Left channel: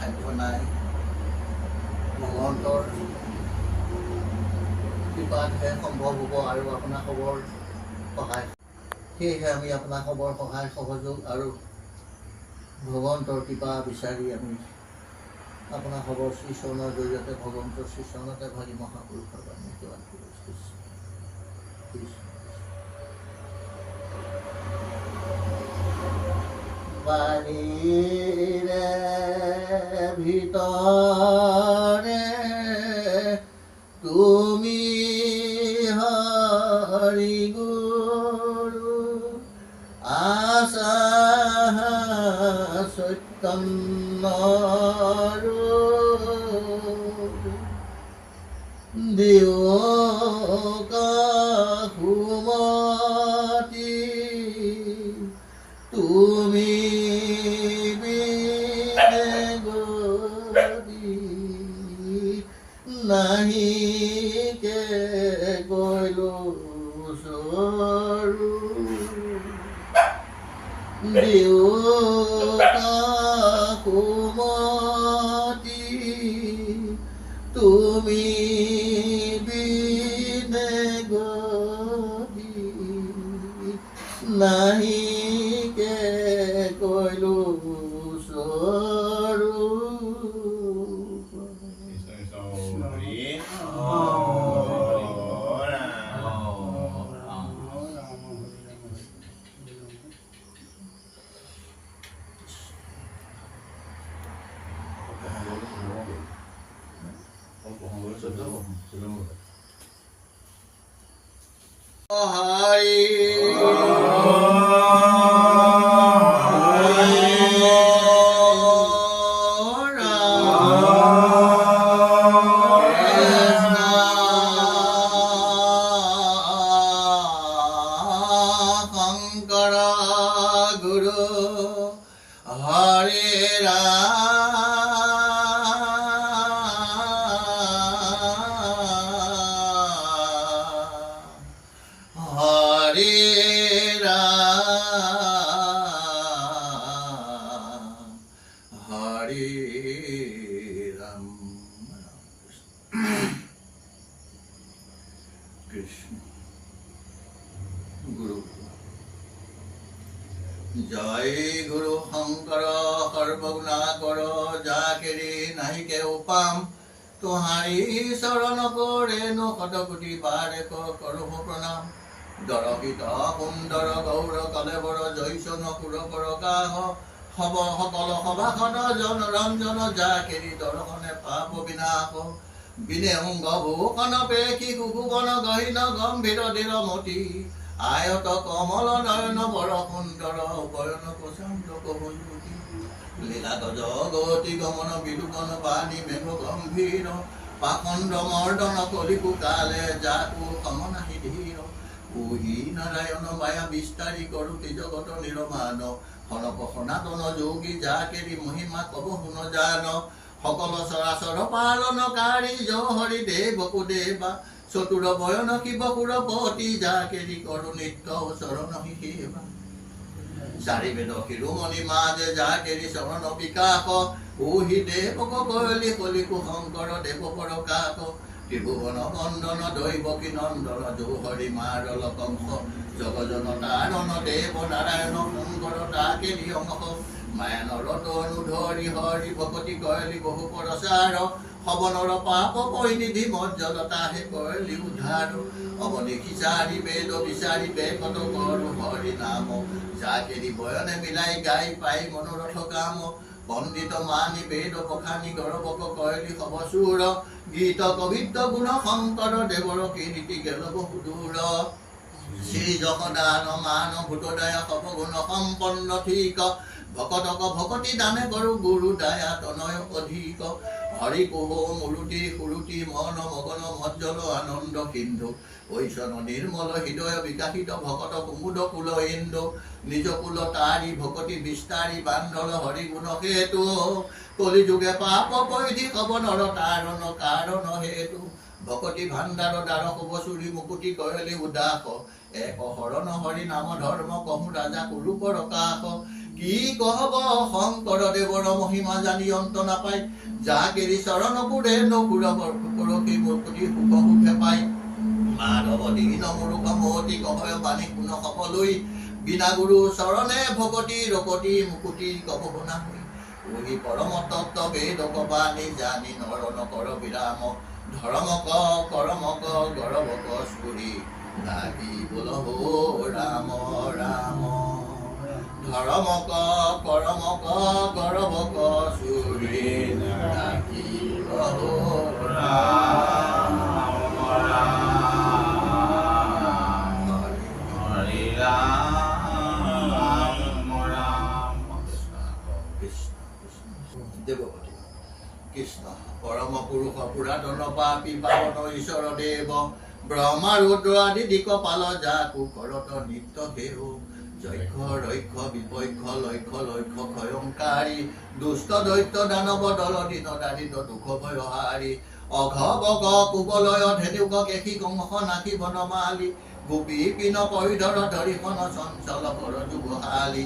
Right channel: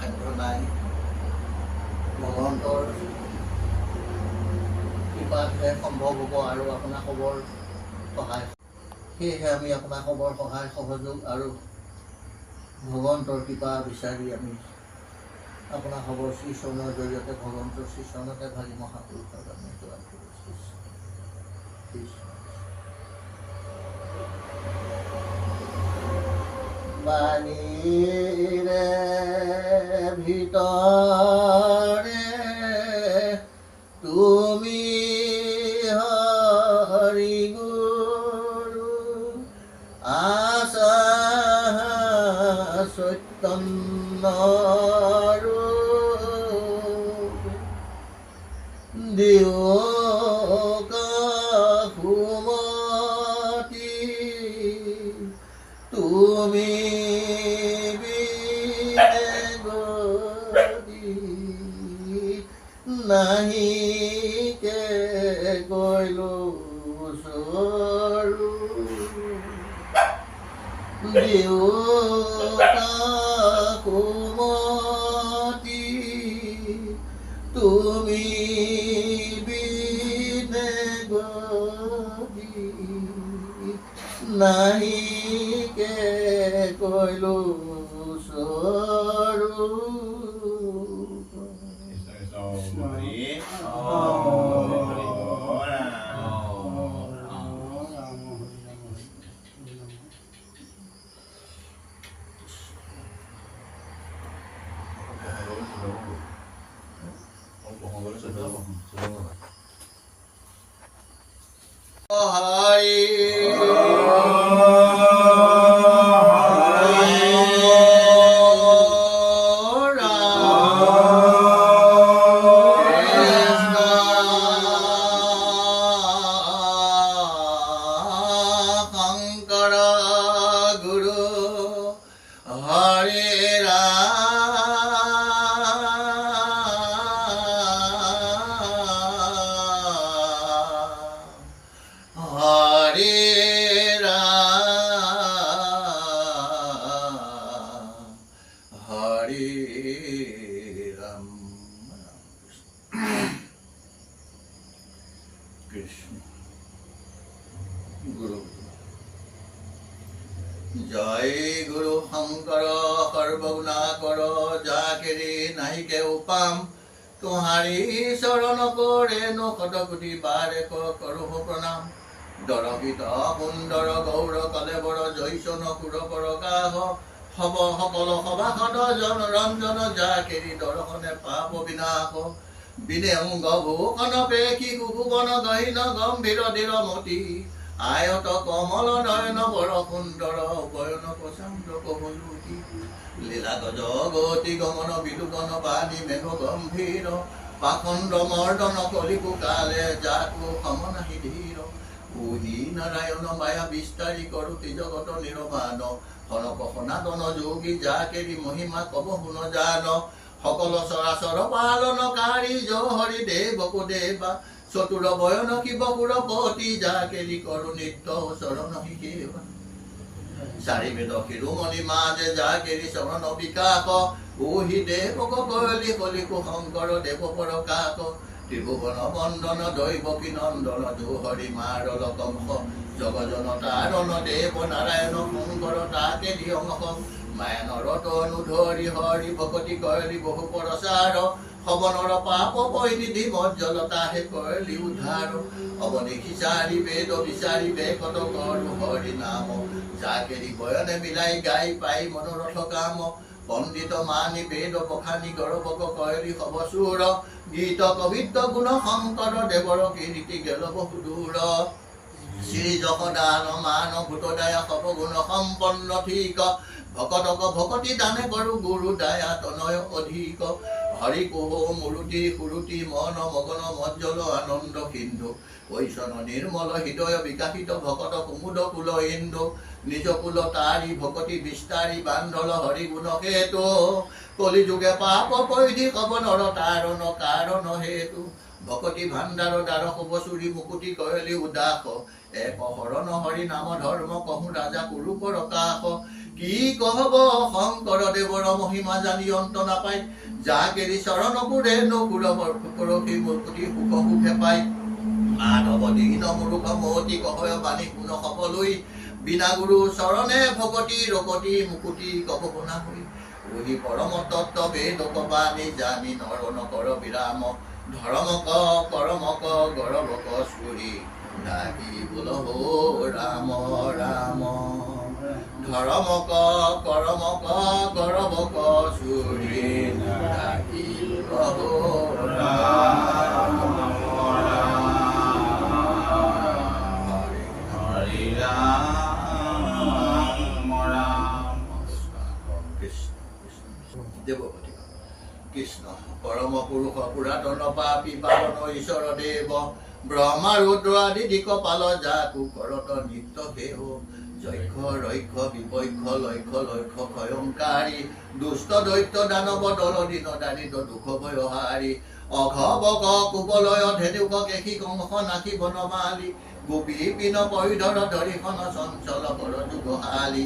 সাধ্য নাই ভগৱন্তৰ কৃপাতহে সম্ভৱ হ'ব আৰু আপোনাৰ খবৰ সহায় সেয়েহে আমি আপোনাৰ খবৰ সহায় সহযোগ আৰু ভগৱন্তৰ কৃপা বিচাৰি আমি আপোনাৰ খবৰ শ্ৰীচৰণৰ জৰিয়তে ভগৱন্তৰ শ্ৰীচৰণতে ভাগি মহাপুৰুষৰ আমি সেৱা কৰিছোঁ বাণীৰে ভিতৰে তুমি হৰি গুৰু আছা চৈতন্য দিয়কা সুমতি তুমি নাহি কে কৈলো সৰু দিয়কা সুমতি তুমি বিনে গতি নাহি কে কৈলো সৰু জয় গুৰু শঙ্কৰ সৰ্বগুণাকৰ যাকেৰি নাহিকে উপাম তোমাৰি চৰণ কৰে নো শতকোটি বাৰে কৰোঁ প্ৰণাম দৰবিত সুন্দৰ গৌৰ কলেবৰ জৈচন সুৰ প্ৰকাশ হব সকল সভাসদ জন ৰঞ্জন যাকেৰি দৰ্শনে পাপ বিনাশ বিনে অংগ ভূষণ পেশী কুকুবন গহীন গম্ভীৰ দৃঢ়মতি আয়ত কমল নয়ন বৰ সুন্দৰ বয়ন প্ৰচণ্ড কমলুতি লীলা গজগতি গমন বিলোকন বাণী মেঘ গম্ভীৰ পাখণ্ড মৰ্দন কলিকু কালে যাকু সমনাহি ধীৰ উহি নাৰায়ণ মায়া বিস্তাৰী কৰোতি জগত নিৰমান সনক সনাতন যোগী যাকেৰি মহিমা কব শুন জান সকল চৰাচৰ পালনকাৰী হৰি দেৱকো দেৱা চতুৰ বয়ন শিৱ সুৰপতি যাকেৰি কৰো নিত্য চৰণ সেৱা চাৰি বেদ শিৰোমণি মাজে যাকেৰি চৰণ বিকাশ উহি দেৱক কলি কলিকু শংকৰ দেৱ প্ৰকাশ ত্ৰিভুৱন বন্দন দৈৱকী নন্দন হৰি মাৰ লকংস জগজন তাৰণ দেৱ নাৰায়ণ শংকৰ তাকেৰি অংশ মায়ানৰ তনু ধৰি হৰি ভকতি কলি বহু প্ৰচাৰ হবনৰ পাপ পৰিনিধি মজ্জলতা হে কৰিলি উদ্ধাৰ অৱদেশী চাৰি বেদ বিচাৰি বেকত কৰো হৰি নাম যাকেৰি বয়নে মিলাই গাই পাই মনোৰথ কাম পণ্ডিত মানি বেদ পখানি গৌৰৱক কৰিলি হব চুৰ গীত কবিত্ব গুণ শংকৰ দেৱৰ কীৰ্তি গেল বহু দূৰ শ্ৰী জগদান মান ভূতদায় সব গুণ সম্পন্ন ঠিক ভকতক ভকতি দানে কৰো গুৰু দায়া তনয় অধিক হৰি কোহ মুৰুতি সুৰুতি মন মগন মজ্জল আনন্দ সিন্ধু ঐশন নিৰ্মল হৃদয় বিকাশিত ভকত কুমুদ কুল ইন্দু নিজ কুল তাৰি ভকতি বিস্তাৰি বান্ধল হৰি গুণ হেতু কলি যুগে পাপ পৰিধি কব নৰ তাৰণ কাৰণ হেতু ভকতি ভাণ্ডাৰ দ্বাৰ শুভ চুৰি মুকুতি কৰিলি উদাস এক শৰণ হৰি নাম ধৰ্ম কহু ৰাজা কুৰু প্ৰকাশ কি কহব শংকৰ দেৱৰ মহিমা জানি অন্ত নাপায় যাক এৰি চৰণ পুৰে নকুৰ পৰশী মূৰ্তি সুখ সুখে পায় মাধৱ দীন মূৰ্খ মহতি কহয় বাণী গুণ সকলোই বিনা গুৰু চৰণে ভকতি ৰকতি মুকুতি কব বনা হৈ ওহি পৰম তত্ত্ব বেদ কবানি জানি নৰ নকৰ বিৰাম ধৰ্মক কৰমক গৰবক চুৰি ডাকি বোলহ ৰাম ৰাম ধৰ্মক কৰমক গৰবক চুৰি ডাকি বোলহ ৰাম হৰি ৰাম ৰাম দেৱপতি কৃষ্ণ পৰম পুৰুষ পুৰাতন পাপী পাৱন ঈশ্বৰ দেৱ ব্ৰহ্মা ৰুদ্ৰ আদি দিকপাল যাকো কৰত নিত্য সেও যক্ষ ৰক্ষ বিপক্ষ লক্ষ্য লক্ষ্য ক্ষয়ংকাৰী দুষ্ট দৈত্য দানৱ দল দিন দাৰিদ্ৰ দুখ ভয়হাৰী অঘ বগ কুবলয় ধেনুক কেশী কংস নাথি বনমালী গোপী পিন পৰিধৰ ধৰিখন চঞ্চল কৰ যুগহালী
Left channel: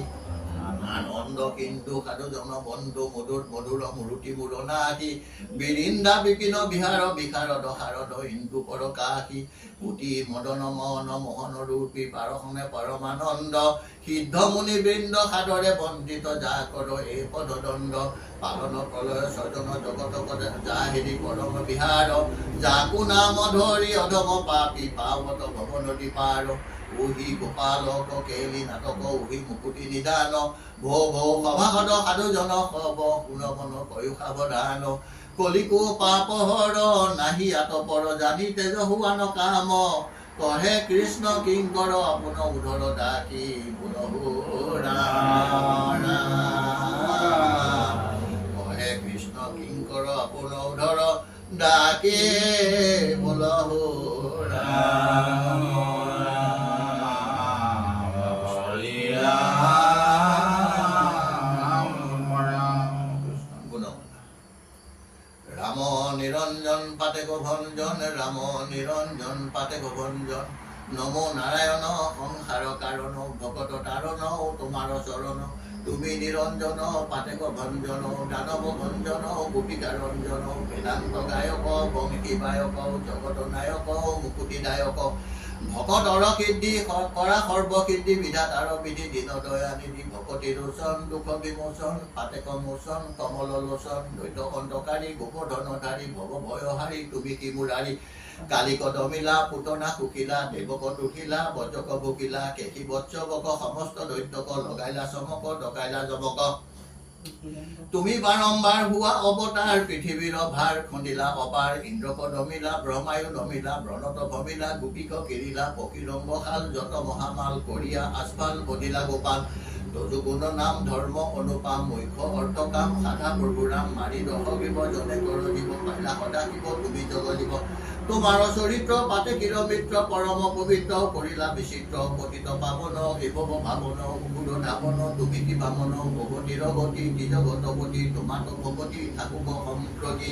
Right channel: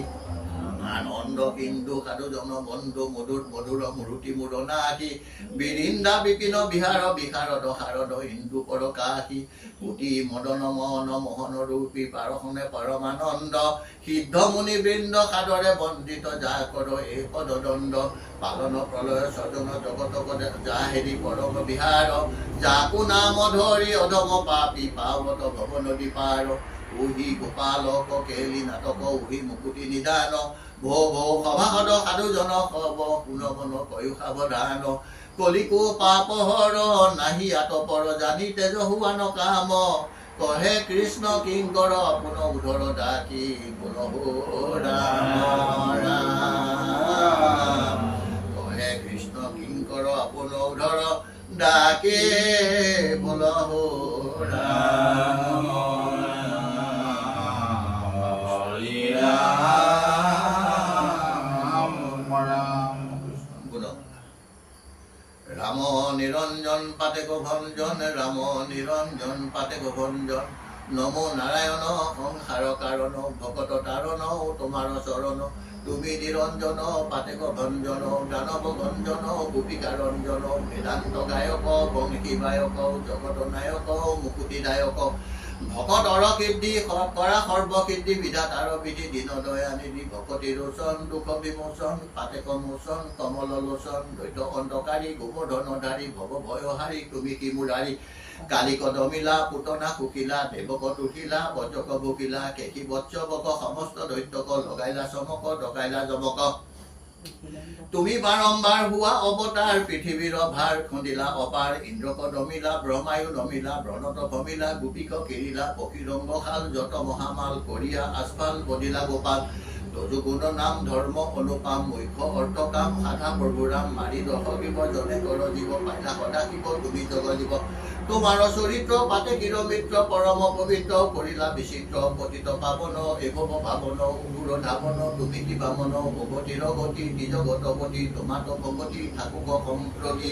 আনন্দ কিন্তু সাধু জন বন্ধু মধুৰ মধুৰ মূৰ্তি মূৰণাসী বিৰিন্দা বিপিন বিহাৰ বিশাৰদ শাৰদ হিন্দু পৰকাশী পুতি মদন মন মোহন ৰূপী পাৰসনে পৰমানন্দ সিদ্ধ মুনি বৃন্দ সাদৰে বন্দিত যা কৰ এই পদদণ্ড পালন প্ৰলয় স্বজন জগত যা হেৰি পৰম বিহাৰ যাকো নাম ধৰি অধম পাপী পাৱত ভৱ নদী পাৰ ওহি গোপালক কেলি নাটক ওহি মুকুতি নিদান ভৌ ভৌ সভাসদ সাধুজন সব পুনবন কয়ো সাৱধান কলিকো পাপ হৰ নাহি আতপৰ জানি তেজ হুৱান কাম কহে কৃষ্ণ কিংকৰ আপোন উধৰ ডাকি বোলহ ৰাম ৰাম কহে কৃষ্ণ কিংকৰ আপোন উধৰ ডাকে বোলহ ৰাম রাম নিরঞ্জন পাতে ভঞ্জন রাম নিরঞ্জন পাতে ভঞ্জন নমো নারায়ণ সংসার কারণ ভকত তারণ তোমার চরণ তুমি নিরঞ্জন পাতে ভঞ্জন দানব ভঞ্জন গোপিকা রঞ্জন বেদান্ত গায়ক বংশী বায়ক জগত নায়ক মুকুতি দায়ক ভকতৰ সিদ্ধি কৰা সৰ্বসিদ্ধি বিধাতাৰ বিধি দীন দয়া নিধি ভকতি ৰোচন দুখ বিমোচন পাতেক মোচন কমল লোচন দৈত অন্ধকাৰী গোপধনধাৰী ভৱ ভয়হাৰী তুমি কি মুৰাৰী কালিক দমিলা পুতনা কুকিলা দেৱক তুহিলা বজক ভুকিলা কেশী বৎসৱক সমস্ত দৈত্যক লগাইলা চমক ডকাইলা যমক তুমি বাৰম্বাৰ হোৱা অৱতাৰ পৃথিৱীৰ ভাৰ খুন্দিলা অপাৰ ইন্দ্ৰক দমিলা ব্ৰহ্মায়ু দমিলা ব্ৰণত ভমিলা গোপীক কিৰিলা পক্ষীৰংগশাল যত মহামাল কৰিয়া আস্ফাল বদিলা গোপাল যজুগুণ নাম ধৰ্ম অনুপাম মুখ্য অৰ্থকাম সাধা প্ৰভুৰাম মাৰি দশগিব জনে কৰ জীৱ পাইলা সদা শিৱ তুমি জগ জীৱ তোমাৰ চৰিত্ৰ পাতে কিৰ মিত্ৰ পৰম পবিত্ৰ কৰিলা বিচিত্ৰ পতিত পাৱন এভৱ ভাৱন উগুৰ ধাৱন তুমি কি বামন ভগতিৰ গতি নিজগতপতি তোমাত ভগতি থাকুক সম্প্ৰতি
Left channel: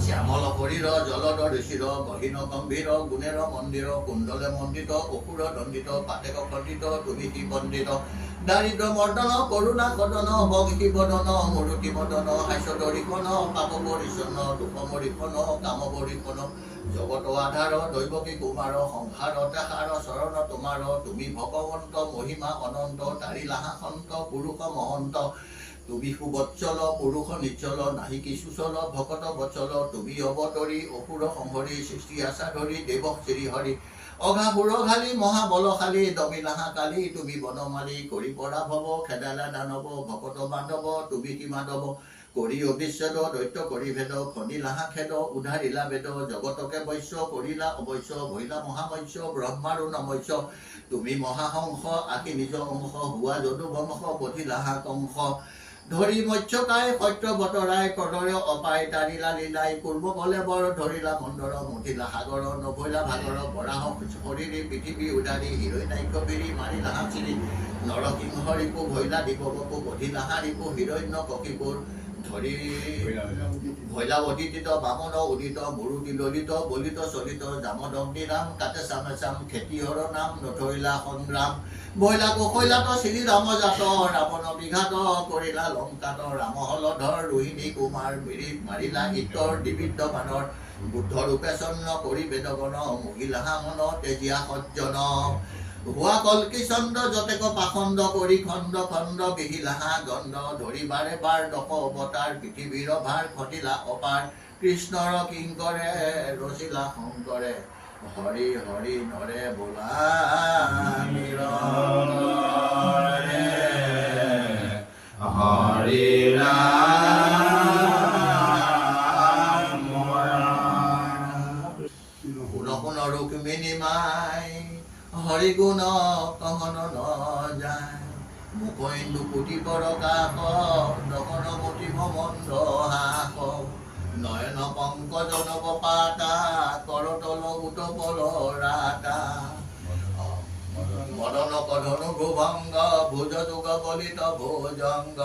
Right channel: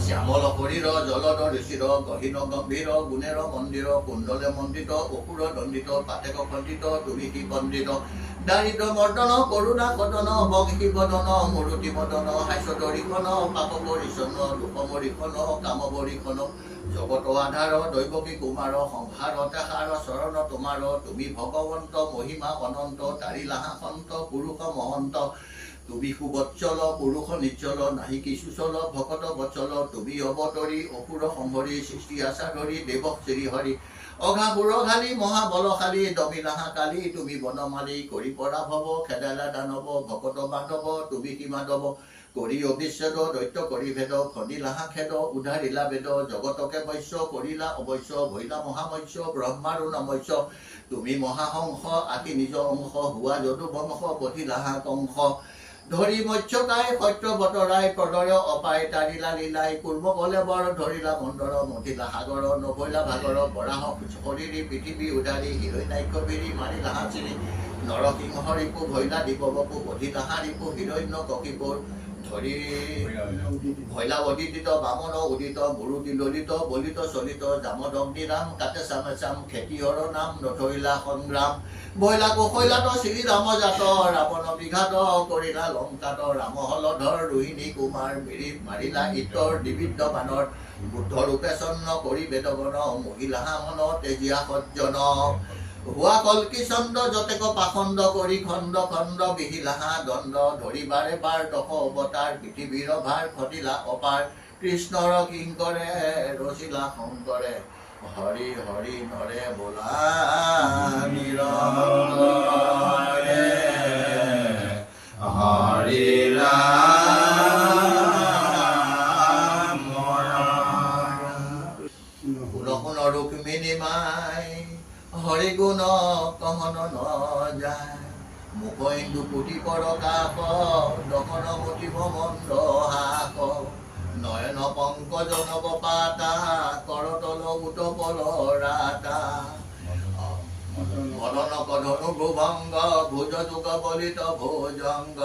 শ্যামল শৰীৰ জলদ ঋষিৰ গহীন গম্ভীৰ গুণেৰ মন্দিৰ কুণ্ডলে মণ্ডিত অসুৰ দণ্ডিত পাতেক খণ্ডিত তুমি কি পণ্ডিত দাৰিদ্ৰ মৰ্দন কৰোণা কদন বংশী বদন মূৰ্তি মদন হাস্যদৰিখন পাপ পৰিচ্ছন্ন দুখ মৰিখন কাম বৰিখন জগত আধাৰ দৈৱকী কুমাৰ সংসাৰ তেহাৰ চৰণ তোমাৰ তুমি ভগৱন্ত মহিমা অনন্ত তাৰিলাহা সন্ত পুৰুষ মহন্ত তুমি সুবৎসল পুৰুষ নিচ্ছল নাহি কিছু চল ভকত বৎসল তুমি অৱতৰী অসুৰ সম্ভৰি সৃষ্টি আশা ধৰি দেৱক শ্ৰীহৰি অঘা বুঢ়ালী মহাবলশালী দমিলাহা কালী তুমি বনমালী কৰি পৰা ভৱ খেদালা দানৱ ভকত বান্ধৱ তুমি কি মাধৱ কৰি অবিচ্ছেদ দৈত্য কৰি ভেদ খন্দিলাহা খেদ উধাৰিলা বেদ জগতকে বৈশ্য কৰিলা অৱশ্য ভৈলা মহামৎস্য ব্ৰহ্মাৰো নমস্য তুমি মহাহংস আকি নিজ অংশ হোৱা যদু বংশ পঠিলাহা কংস ধৰি মৎস্যকাই সত্য বতৰাই প্ৰদয় অপাই তাৰিলা লীলাই পূৰ্ব গলে বৰ ধৰিলা মন্দৰ মঠিলা সাগৰ নভৈলা ভাগৰ বৰাহ শৰীৰী পৃথিৱী উদাৰী হিৰণ্যাক্ষ বিৰি মাৰিলা হাচিৰি নৰসিংহ ৰিপু ভৈলা দিববপু বধিলাহা ৰিপু হিৰণ্য ককিপুৰ ধৰি ভৈলাৱতীত বামন উদিত মুৰুতি ললিত বলিত চলিত জামদগ্নি ৰাম কাতে চামে চাম খেতিয়ৰ নাম নধৰিলা সংগ্ৰাম বৈলা কৌশলাত শ্ৰীৰাম জাত ৰাৱণ বিঘাত কৰিলা লংকাত ৰাম হলধৰ ৰোহিণী কুমাৰ মিৰি মাৰিলা ইতৰ দিবিদ্ধ বানৰ বুদ্ধ ৰূপে চন্ন কৰি বেদগণ মহিলা মন তেজীয়া সজ্জন হোৱা কল্কি চন্দ্ৰ যতেক পাখণ্ড কৰি খণ্ড খণ্ড বিহিলাহা দণ্ড ধৰি বাৰে বাৰ দশ অৱতাৰ পৃথিৱীৰ ভাৰ ঘটিলা অপাৰ কৃষ্ণৰ কিংকৰে ৰচিলা শংকৰে হৰি হৰি নৰে বোলা নিৰন্তৰে হৰি ৰাম শুন ৰুক্মিণী মাই হৰি গুণ কহন ন যায় মুখ ইন্দু কোটি পৰকাশ দহন মতিব মন্দ হাস নয়ন পংকজ নব পাতা কৰতল উত পলৰাতা মদন কধনু ভুভংগ ভুজ যুগ বলিত ভোজংগ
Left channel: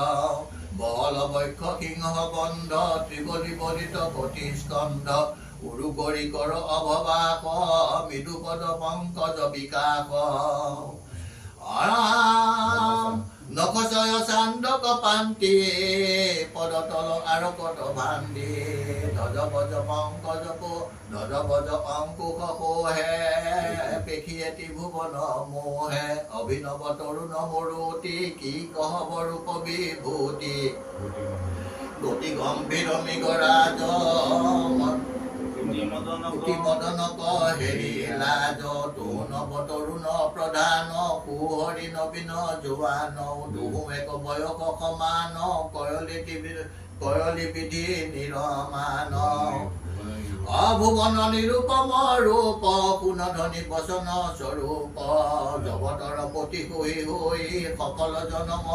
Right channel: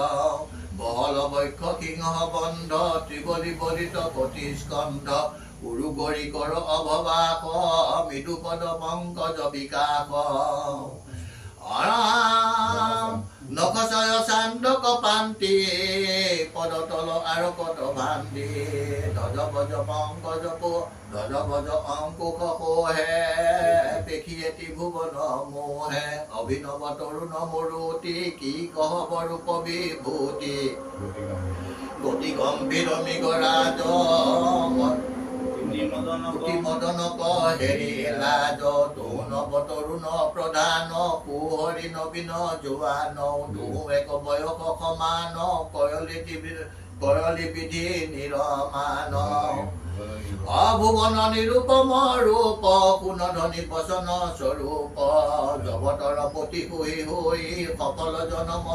বহল বক্ষ সিংহ বন্ধ ত্ৰিবলি বলিত কটি স্কন্ধ উৰুগৰি কৰ অভবাস মৃদু পদ পংকজ বিকাশ নখচয় চান্দক পান্তি পদতল আৰু কত ভান্দি ধ্বজ ভজ পংকজ ধ্বজ ভজ অংকুশ কোহে পেখি এটি ভুৱন মোহে অভিনৱ তৰুণ মৰুতি কি কহব ৰূপ বিভূতি গতি গম্ভীৰ মৃগৰাজ কুটি মদন হেৰি লাজ তৰুণ তৰুণ প্ৰধান কুহৰি নবীন জোৱান দুহু এক বয়স সমান কয়লি বিধি নিৰমান অভুৱন নিৰূপম ৰূপ কুণধ্বনি বচন স্বৰূপ জগতৰ পতি হৈ হৈ সকল জনম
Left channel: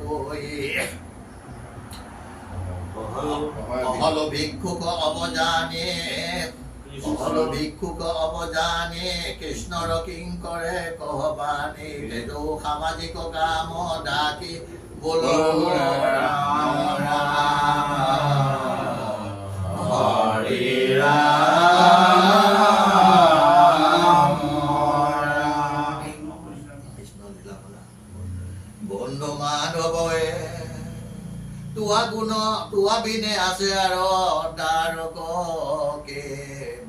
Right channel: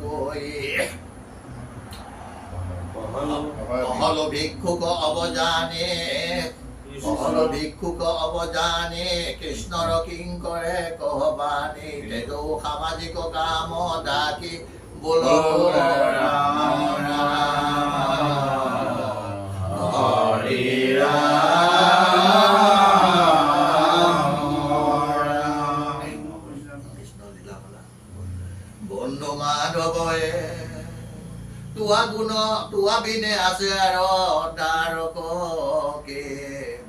তই অহল ভিক্ষুক অবজানে কৃষ্ণৰ কিংকৰে কহবানে তেজো সামাজিক কাম ডাকি বোল ৰাম ৰাম হৰি ৰাম কৃষ্ণ লীলা বন্ধু মাধৱয়ে তুয়া বিনে আছে আৰু তাৰ কে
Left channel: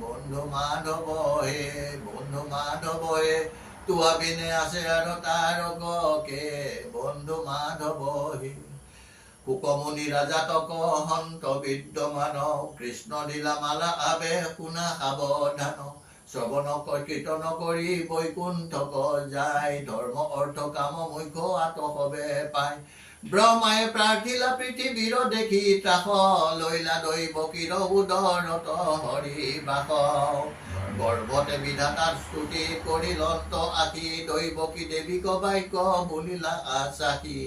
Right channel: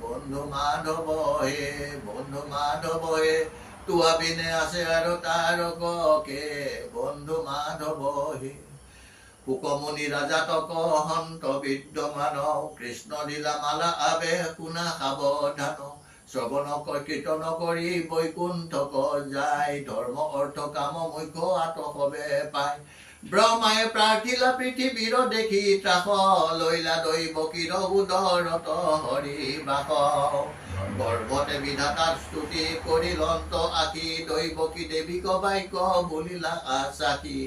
বন্ধু মাধৱ হে তুয়া বিনে আছে আৰু তাৰ কে বন্ধু মাধৱ হে কুকমুনি ৰাজাতক হন্ত বিদ্যমান কৃষ্ণ লীলা মালা আবে শুনা সাৱধান শ্ৰৱণ কীৰ্তন কৰি বৈকুণ্ঠক যায় ধৰ্ম অৰ্থ কাম মুখ্য আতসবে পায় ব্ৰহ্মাই প্ৰাৰ্থিলা পৃথিৱীৰ দেখি ত্ৰাস লৈলা দৈৱকীৰ উদৰত হৰি বাস গৰ্ভতে বিধাতাৰ স্তুতি কৰিলন্ত আশী দৈৱকী দেৱীক বাক্য বুলিলা আচাসী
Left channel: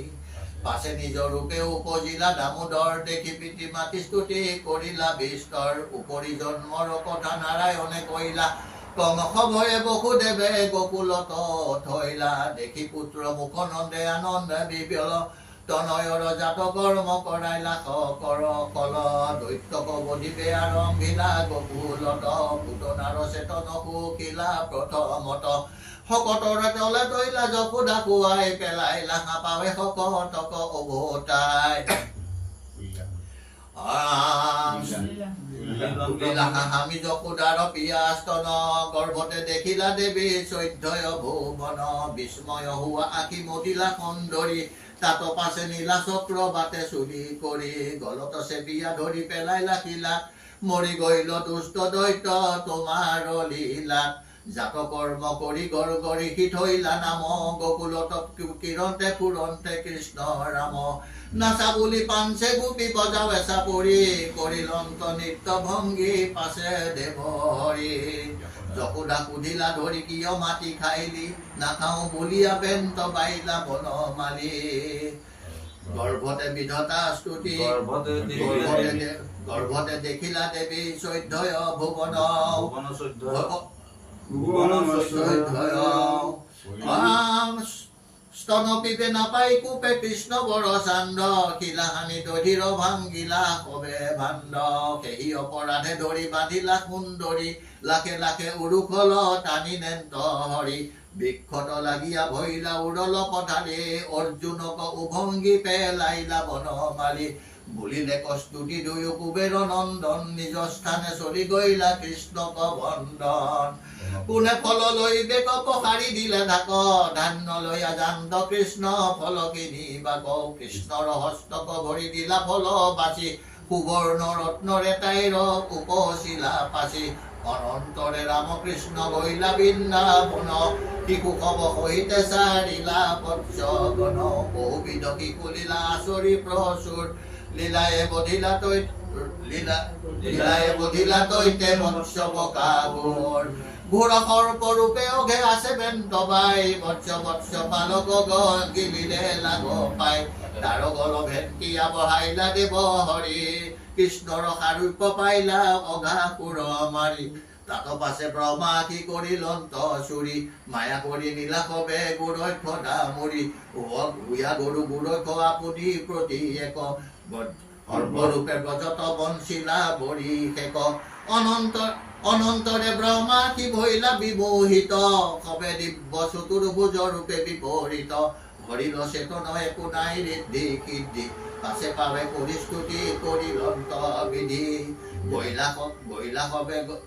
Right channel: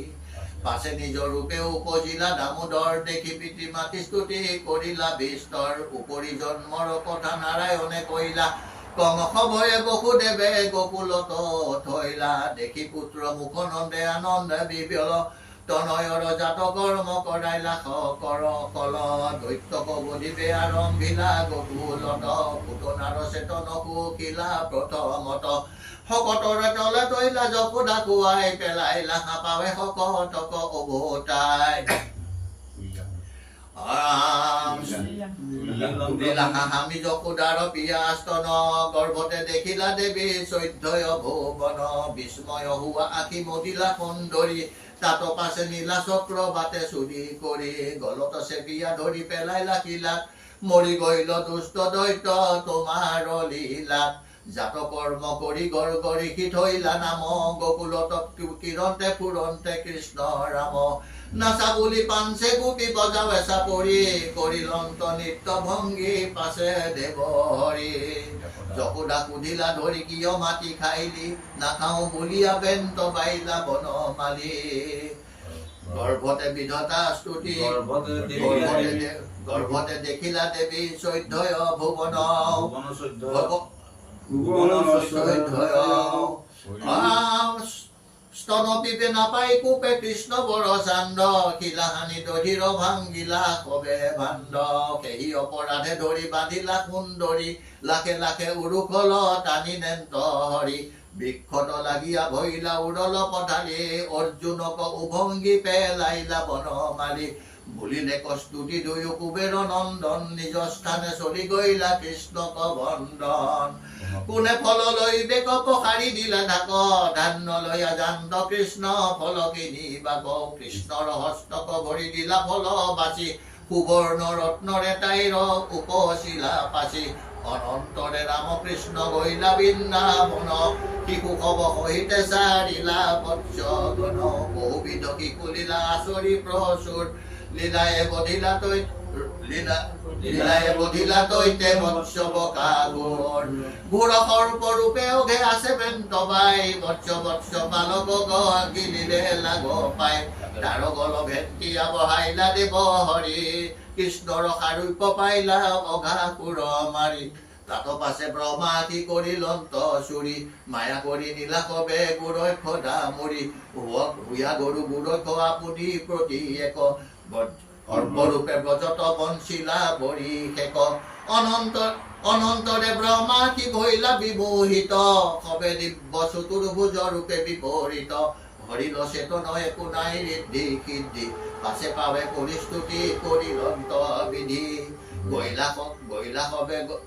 পাছে নিজৰ ৰূপে উপজিলা দামোদৰ দেখি পিতৃ মাতৃ স্তুতি কৰিলা বিস্তৰ উপৰি জন্মৰ কথা নাৰায়ণে কৈলা কংস ভয়ে বসুদেৱে গকুলত থৈলা দেখি পুত্ৰ মুখ নন্দে আনন্দে বিবল তনয়ৰ জাত কৰ্ম কৰাইলা কৰ কল দৈত্যক বধিবে আৰম্ভিলা গকুলত পুতনাৰ চেতন সুখিলা প্ৰথমত শকতৰ তলে তৈলা যশোদা খুৱাই পেলাইলা হাপাৱে শকতক উভতাই হামি যশোদাৰ পিয়াস্তন গৰ্ভতে দেখিলা দেৱী চৈধ্যয় ভুৱন বিস্ময় হোৱা আখি মদিলা সুন্দৰী তাত পাছে নীলা চক্ৰ বাটে চুৰি কৰি গলত চেপিয়া ধৰি পেলাইলা শিলাত মৰি গইল দুষ্ট দৈত্য তোমাৰ লীলাত জাত কৰ্ম কৰি গৰ গৰিষি থৈলা নাম গকুলত কিৰণতে ফুৰন্তে কৃষ্ণ ৰাম নাচা বুলি পাঞ্চে গোপী বজাও এচা পৰি কৰিলন্ত নিত্য ভংগী পাছে দেৱ হৰি যশোদা সুধিলা ধৰি কিয় মাটি খাইলি নাখাও বুলিয়া বেন্ত বাইলা বনমালী গৰ্ভতে বিধতা স্তুতি গৰ্ভতে দেখিলা দেৱী চৈধ্যয় ভুৱন স্তন পিপে নাপাই কূপে কৃষ্ণ বৰ চান্দ শিলাহানি দধিৰ ভাংগিলা কবে ভাণ্ড সেই অপৰাধে ধৰি বান্ধিলা সুন্দৰী লাখে লাখে উৰুকল টানি নেন্ত হৰি বিক্ষত লাগিয়া ভৈলা উৰল পথাৰি অৰ্জুনক উভংগী পেলাইলা বনমালী বুলিলে কস্তুতি দুয়ো কুবেৰ নন্দন নিজ স্থানে চলি গইলা কৃষ্ণক বন্দন কোনে ফল লৈ বেক পখাৰি দিলে ঢাক ধান্য লৈ আজান্ত কৃষ্ণ ফল কিনি বাক কৃষ্ণৰ হস্তক ভৰি দিলা ফল বাচি সুবৰ্ণ ৰত্নৰে তাইৰ উপশিলা পাচি অনন্তৰে ৰামকৃষ্ণ গইলা বৃন্দাবন শিশু কব সহিতে চাৰিলা বৎসগণ বহুবিধ শিশুলীলা আচৰি প্ৰচুৰ লীলায়ে বধিলা তৈতে মৎস্য কাগুৰ ঘোৰ সৰ্পৰূপে অঘে আছে বেন্তবাই মৎস্য পালক গিলিলে লাগ পাই তাৰ গল ভেটিয়া বহাইলা দেৱ হৰি কৃষ্ণৰ সাৰূপ্য পাইলা অঘাসুৰ মাৰি তাত পাছে ব্ৰহ্মা কি কৰি লন্ত চুৰি মায়া কৰি নীলাকবে গুৰক্ষ দামুৰি ভূয়া গৰু গুৰক্ষ আপুনি প্ৰতি এক সৰ্বৰূপে ব্ৰজত বঞ্চিলা বৰি শেক অনন্তৰে ব্ৰহ্মা কি ভৈলা বিমোহিত সবে দিব্য চতুৰ্ভুজ ৰূপে বিপৰীত হৰিল চেতন একো নাই ঋদ্ধি সিদ্ধি পাছে পাবে পৰিস্তুতি কৰিলন্ত বিধি গইলা হবে বন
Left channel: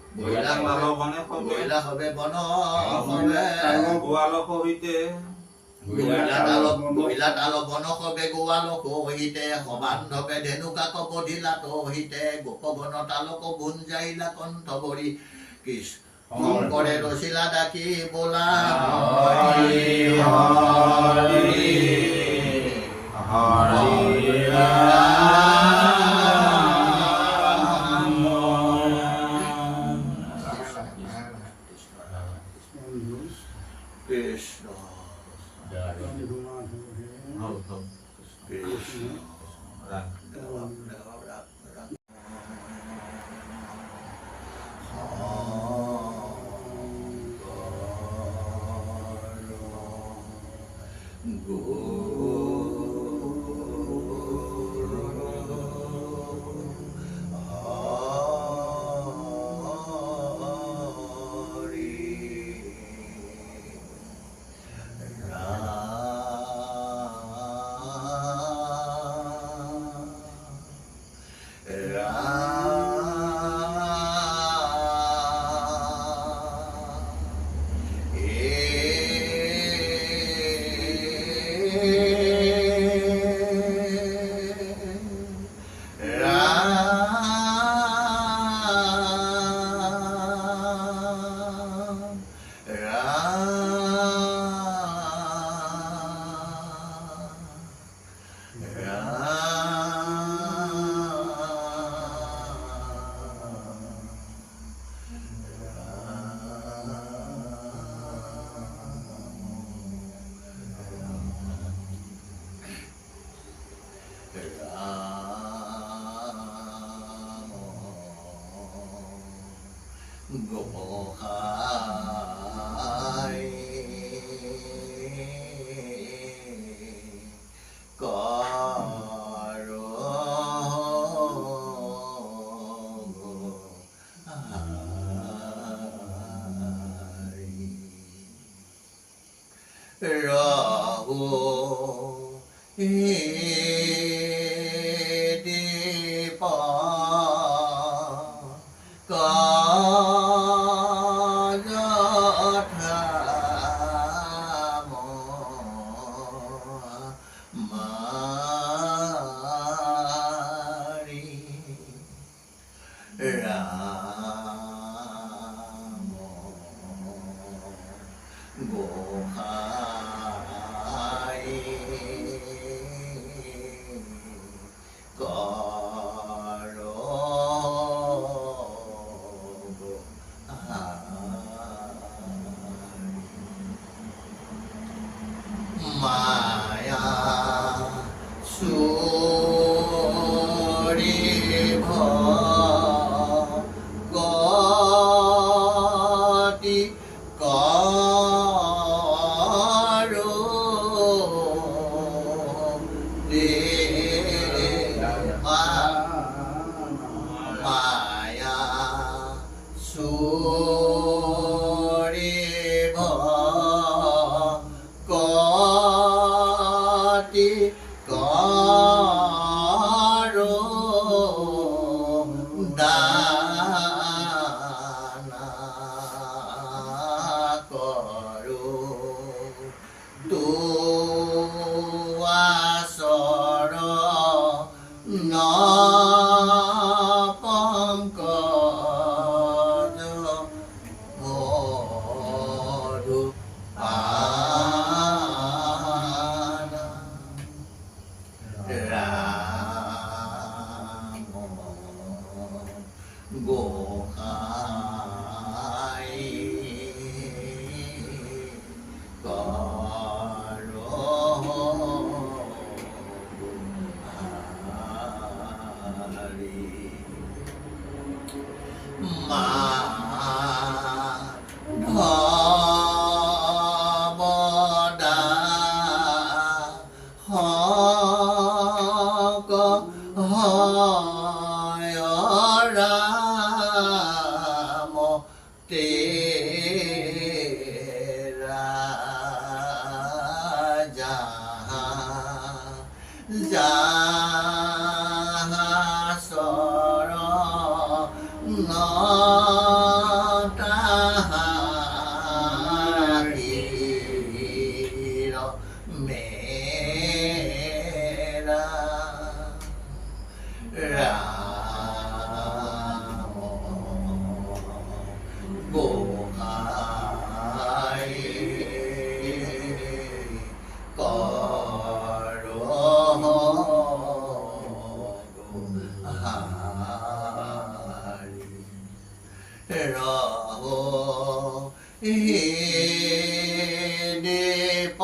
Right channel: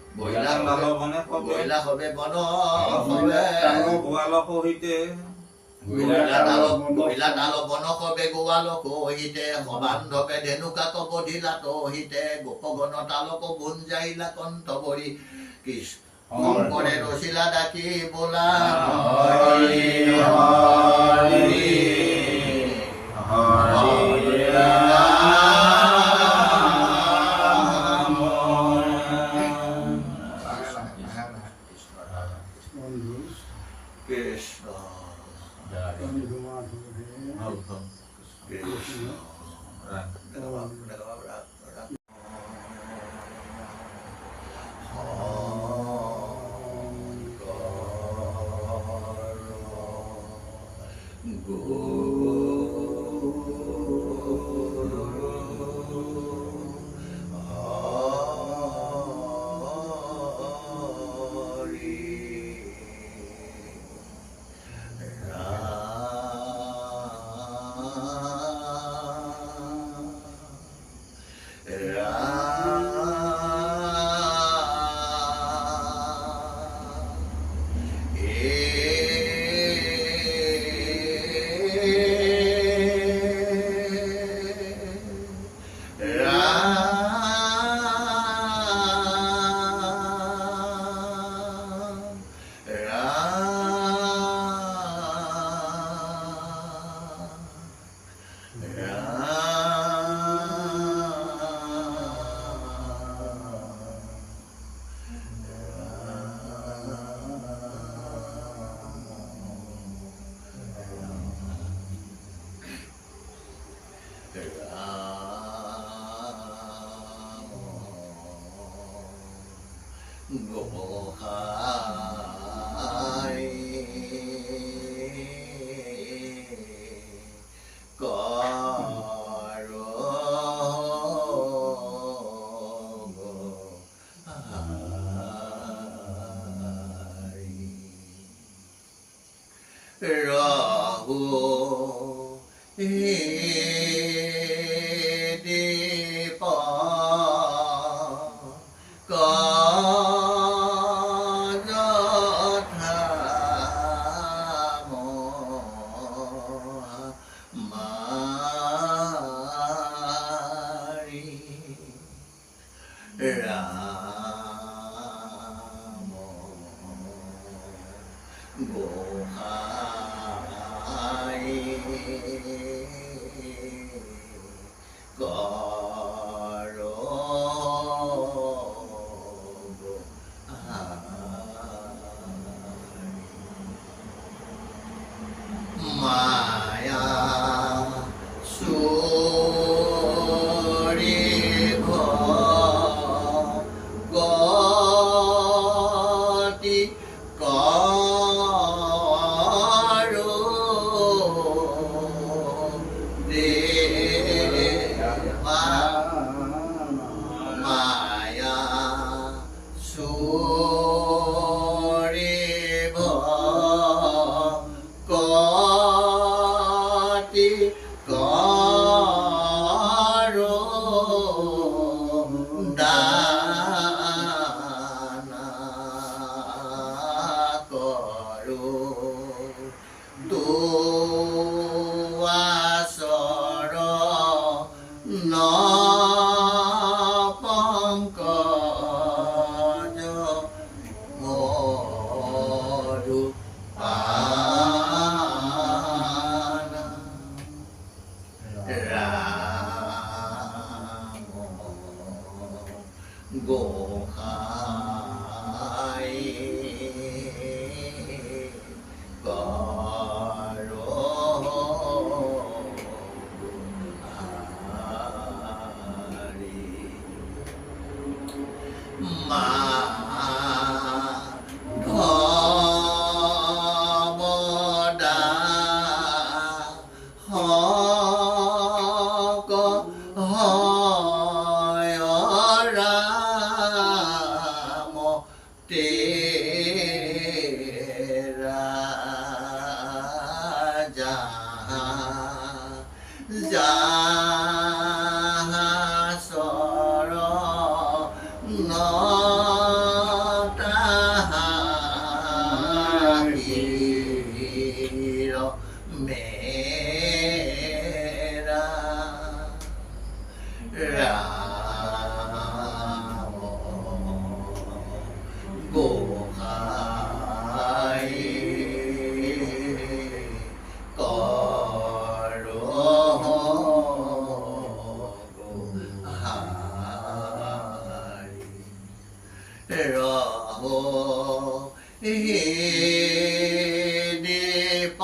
গইলা তাল বন হবে গোৱালক হিতে সবান্ধবে ধেনুকাক বধিলা তহিতে গোপগণ তালক গুঞ্জাইলা কণ্ঠ ভৰি শংকৰে ৰচিলা ডাকি বোলা হৰি হৰি হৰি গোসাই কৰ গুহাৰি মাধৱদা হক হয় ৰাম তেৰা চৰণ তাহাৰিৰ মেৰা ৰাম গোসাই কৰ গুহাৰি ৰহ হে দীপঙ্কজ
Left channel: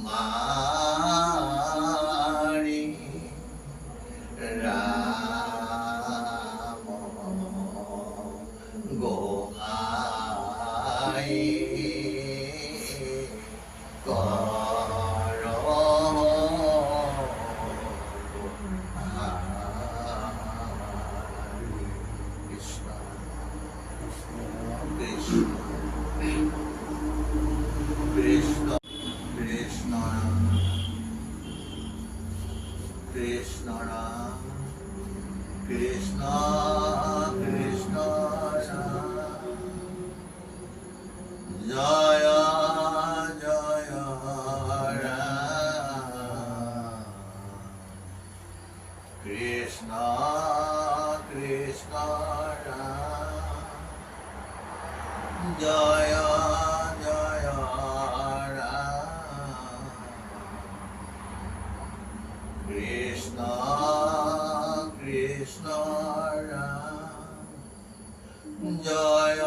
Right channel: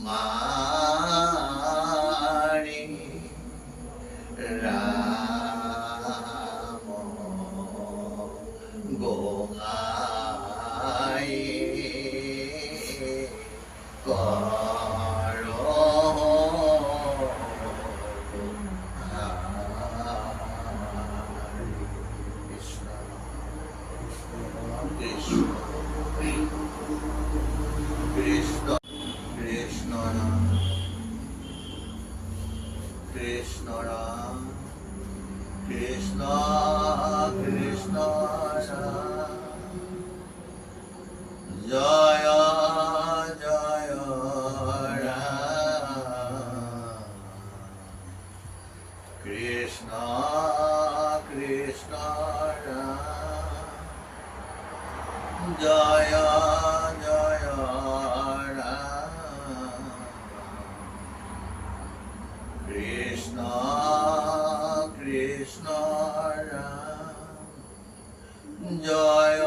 মাৰি ৰাম গোসাই কৰ কৃষ্ণ কৃষ্ণ কৃষ্ণ রাম কৃষ্ণ কৃষ্ণ জয় জয় রাম কৃষ্ণ কৃষ্ণ রাম জয় জয় রাম কৃষ্ণ কৃষ্ণ রাম জয়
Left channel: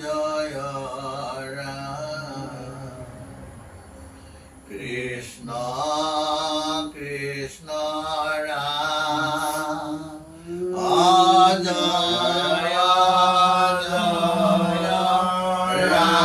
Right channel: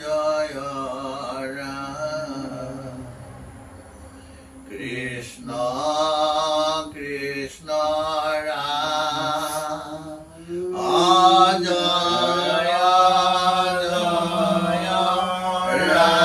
জয় রাম কৃষ্ণ কৃষ্ণ রাম জয় জয় রাম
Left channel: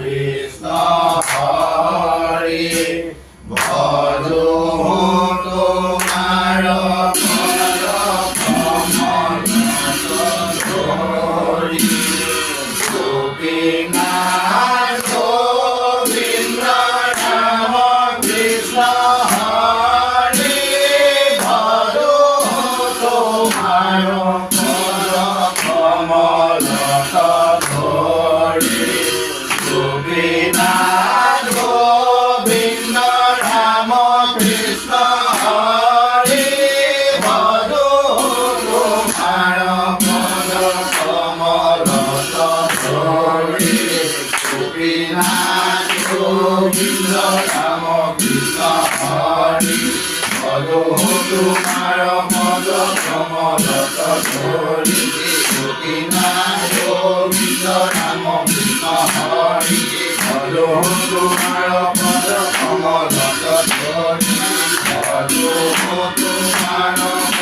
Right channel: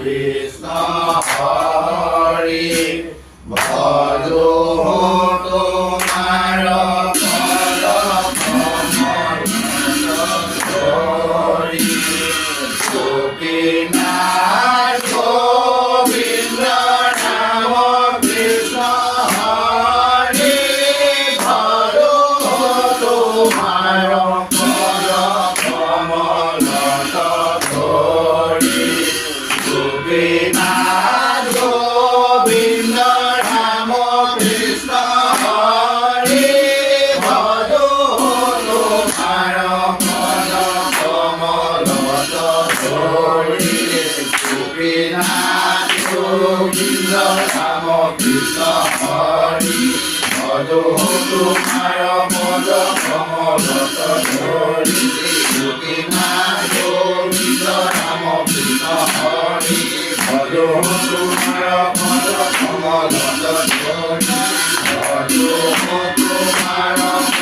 কৃষ্ণ হৰি ভজো তোমাৰ পদ কমল ধৰি গোপীনাথ গোবিন্দ ৰাম কৃষ্ণ হৰি ভজো তোমাৰ পদ কমল ধৰি গোপীনাথ গোবিন্দ ৰাম কৃষ্ণ হৰি ভজো তোমাৰ পদ কমল ধৰি গোপীনাথ গোবিন্দ ৰাম কৃষ্ণ হৰি ভজো তোমাৰ পদ কমল ধৰি গোপীনাথ গোবিন্দ ৰাম কৃষ্ণ হৰি ভজো তোমাৰ পদ কমল ধৰি ভজো তোমাৰ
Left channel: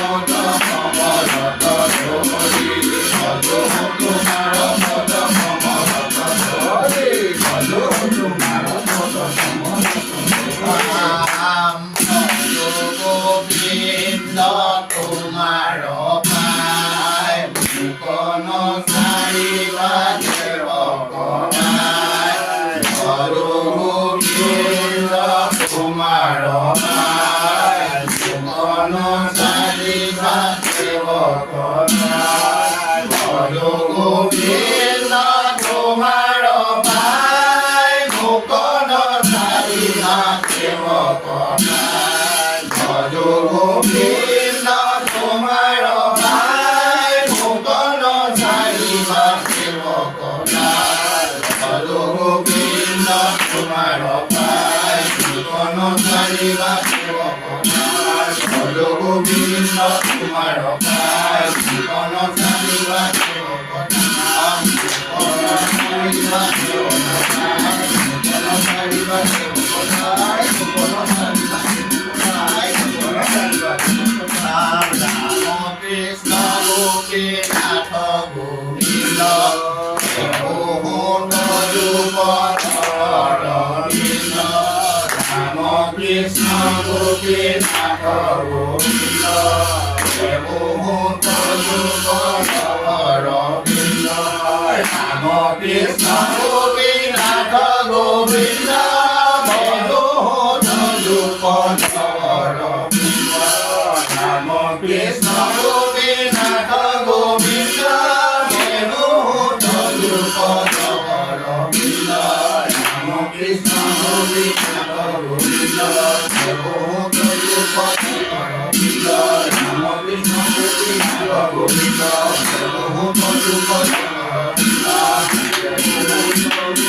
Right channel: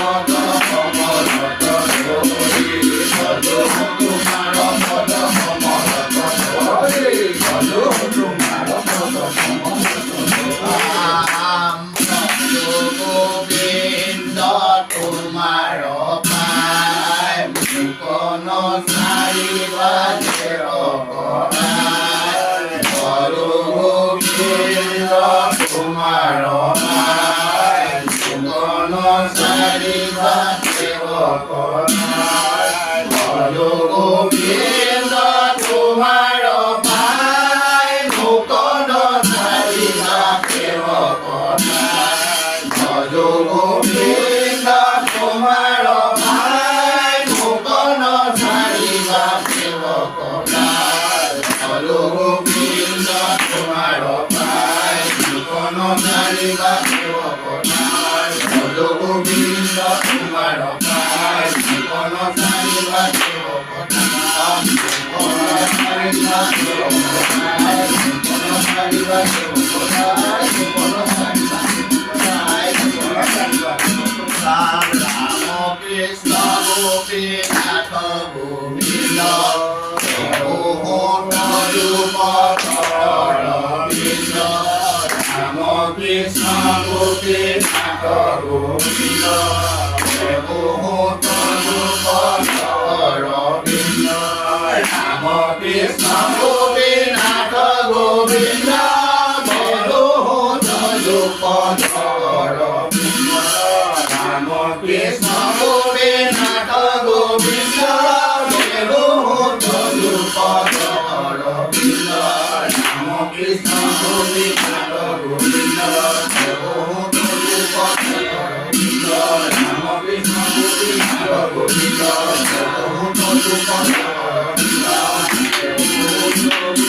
পদ কমল ধৰি ভজো তোমাৰ পদ কমল ধৰি ভজো তোমাৰ পদ কমল গোবিন্দ তোমাৰ পায় মুকন চাৰিবা গোবিন্দ তোমাৰ পায় মুকন চাৰিবা গোবিন্দ তোমাৰ পায় মুকন চাৰিবা ভজো গোবিন্দ তোমাৰ পায় মুকন চাৰিবা ভজো গোবিন্দ তোমাৰ পায় মুকন চাৰিবা ভজো গোবিন্দ তোমাৰ পায় মুকন চাৰিবা ৰাম কৃষ্ণ গোপীনাথ গোবিন্দ ৰাম কৃষ্ণ গোপীনাথ গোবিন্দ ৰাম কৃষ্ণ গোপীনাথ গোবিন্দ ৰাম কৃষ্ণ গোপীনাথ গোবিন্দ ৰাম কৃষ্ণ গোপীনাথ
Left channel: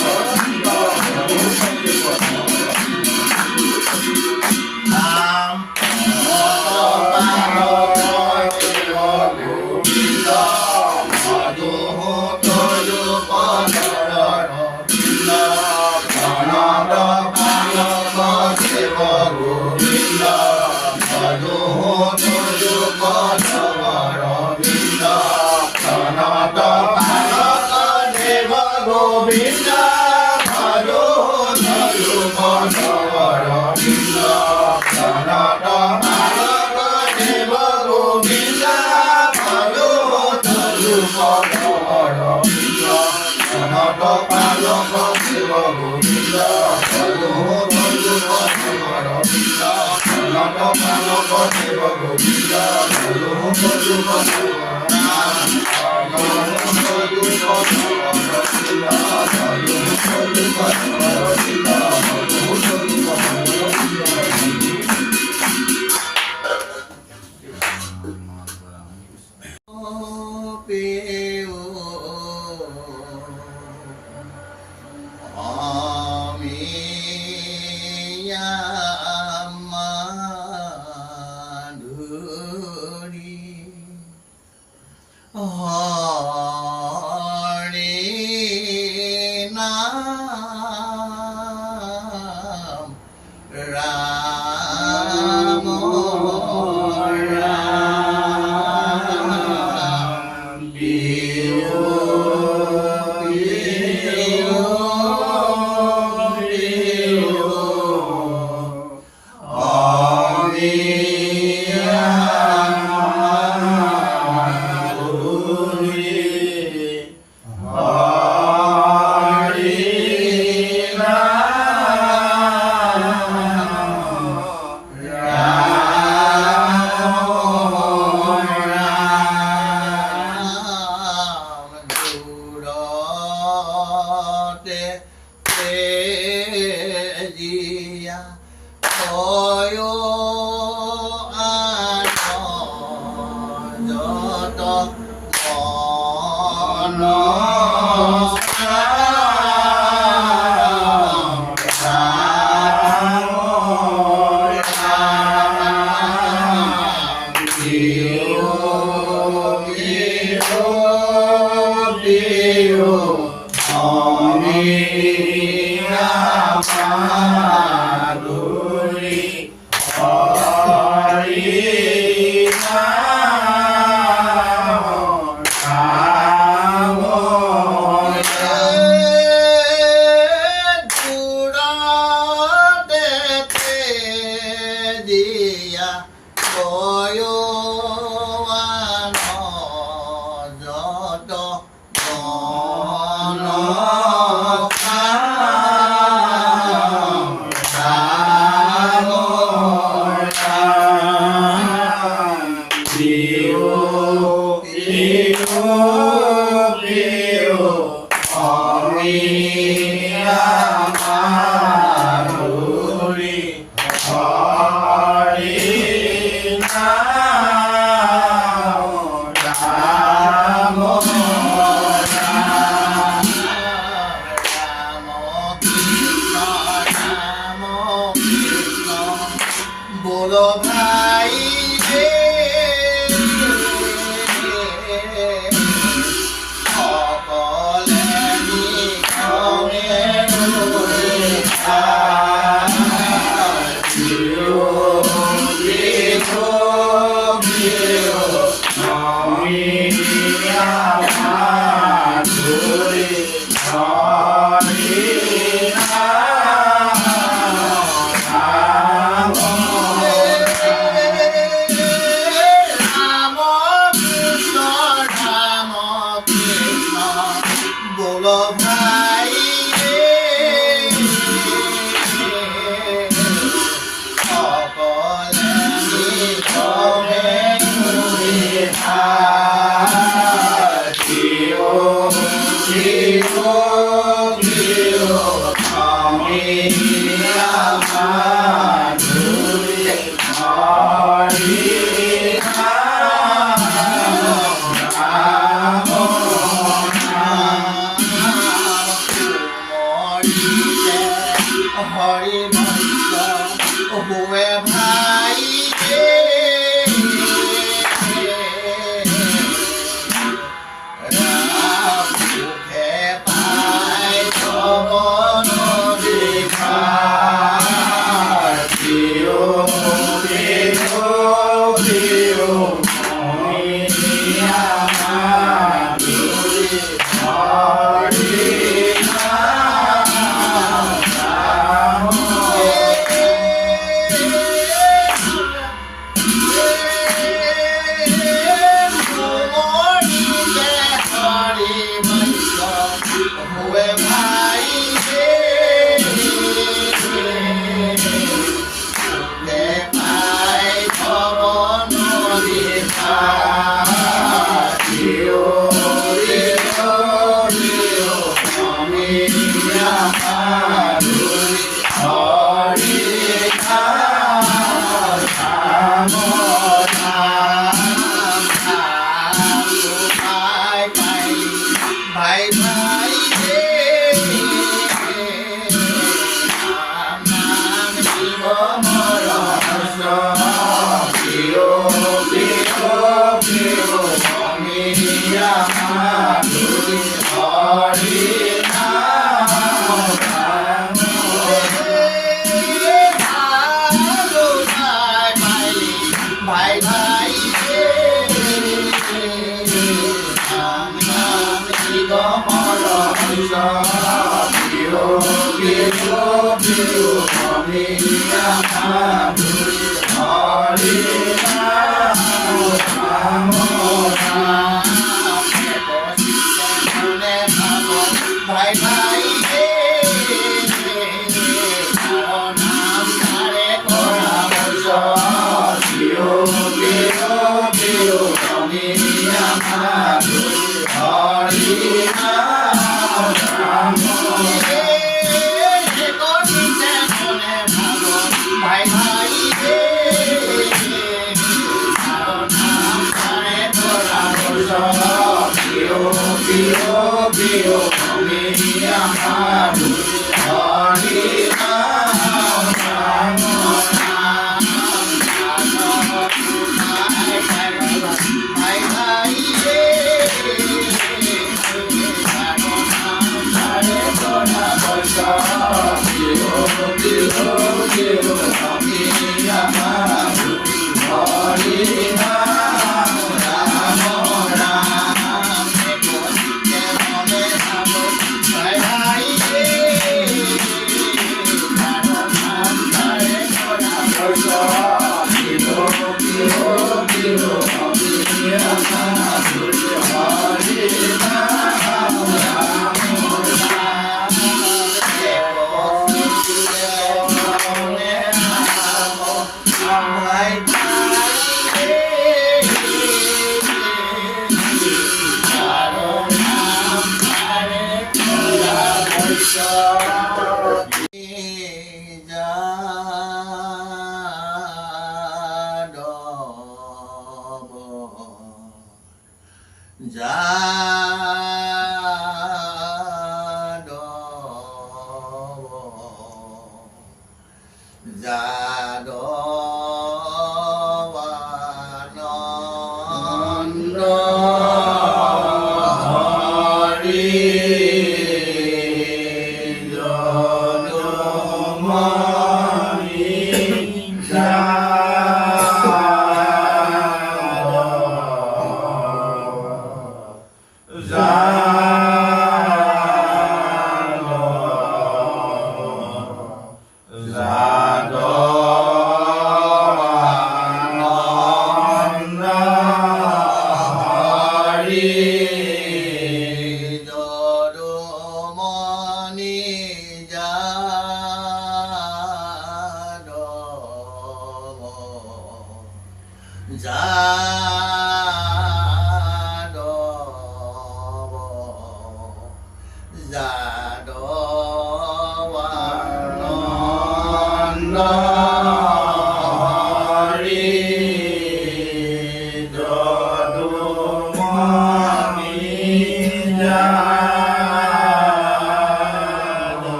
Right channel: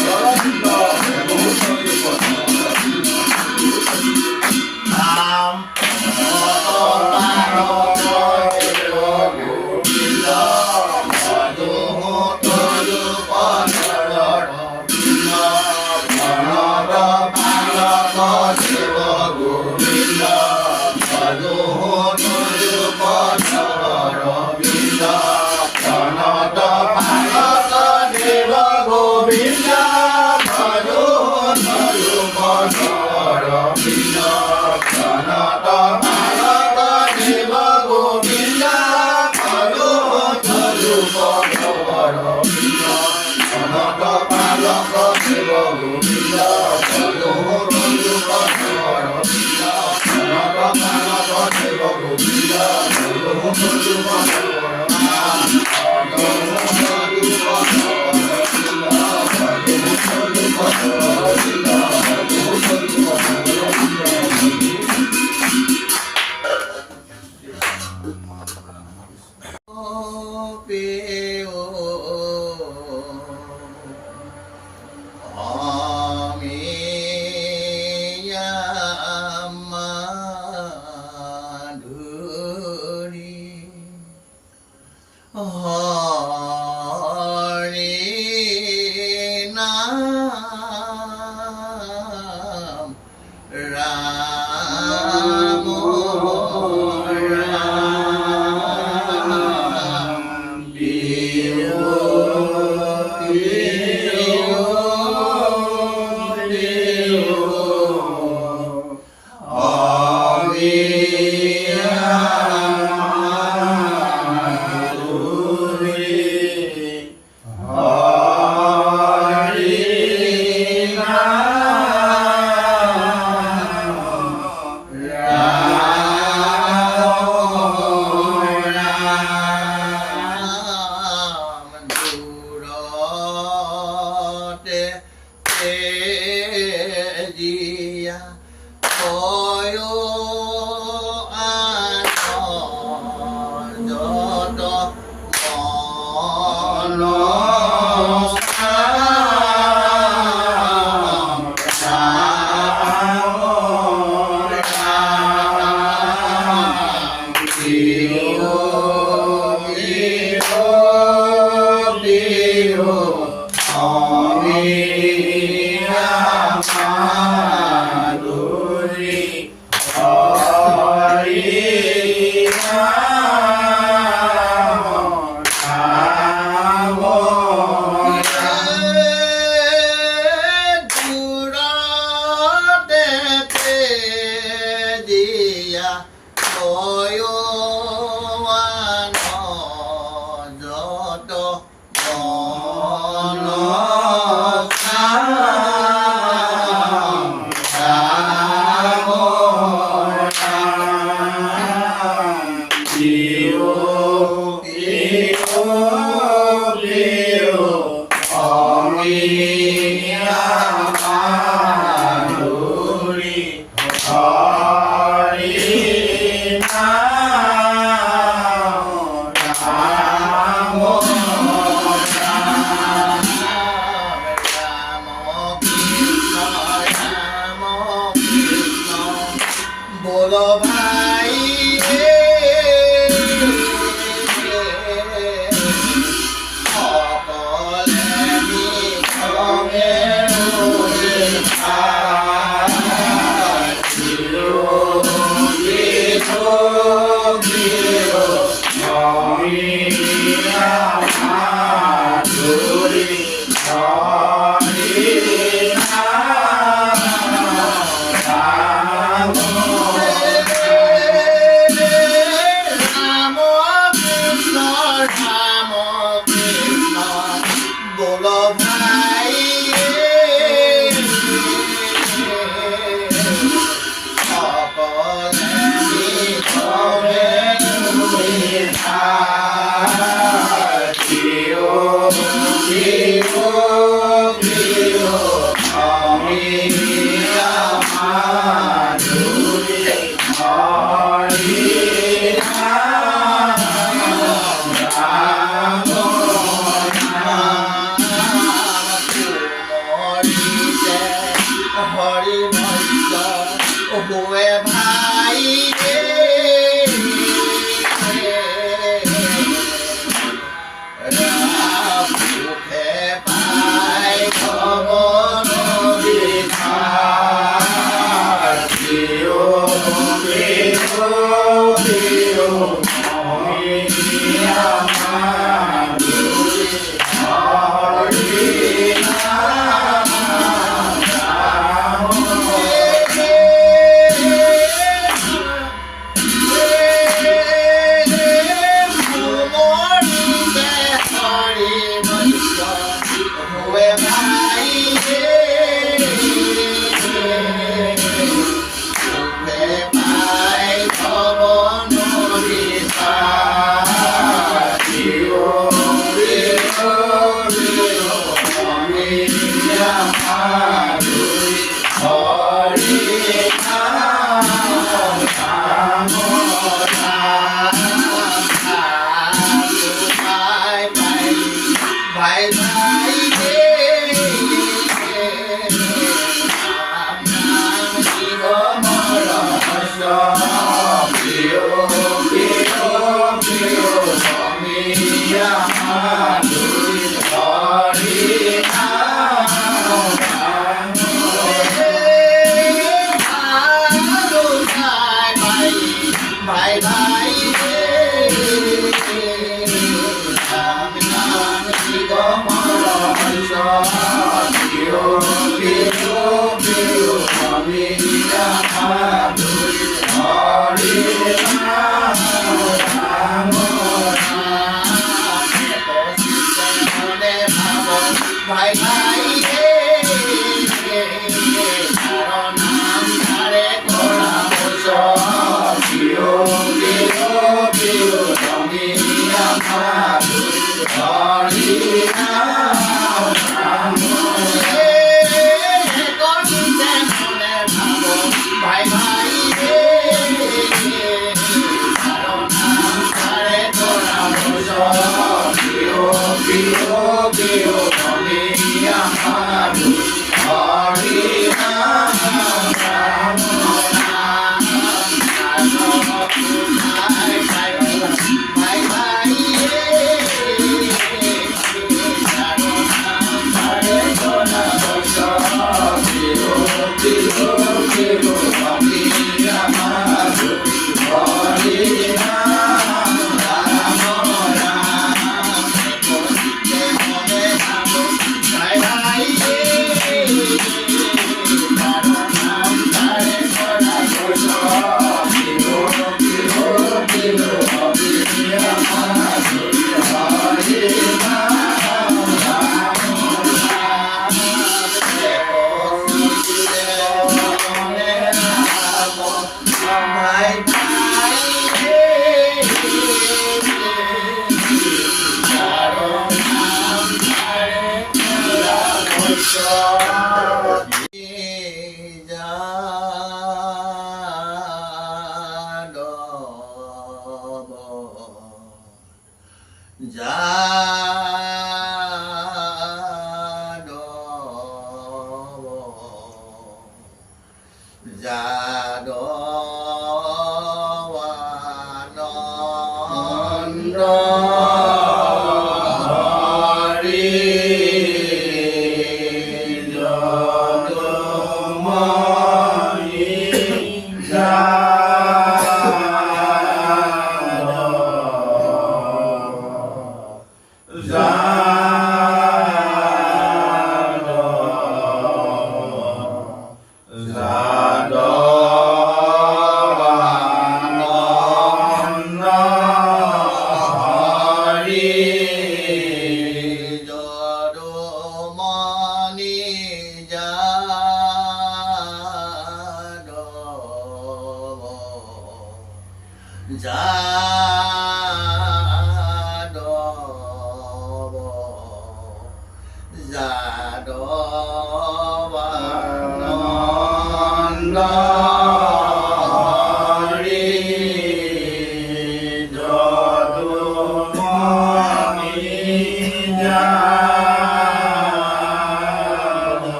গোবিন্দ ৰাম কৃষ্ণ গোপীনাথ গোবিন্দ প্ৰিয় আমি আমাৰ হৰি হৰি बोलो भाई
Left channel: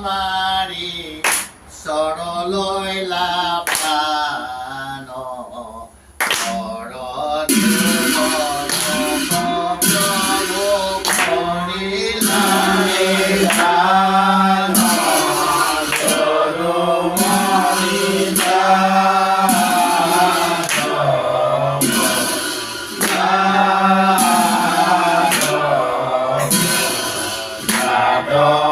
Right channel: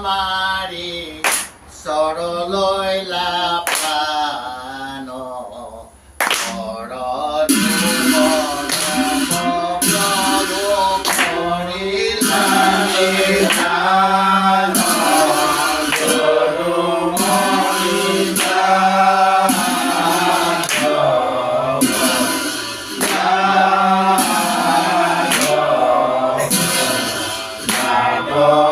Mama Hare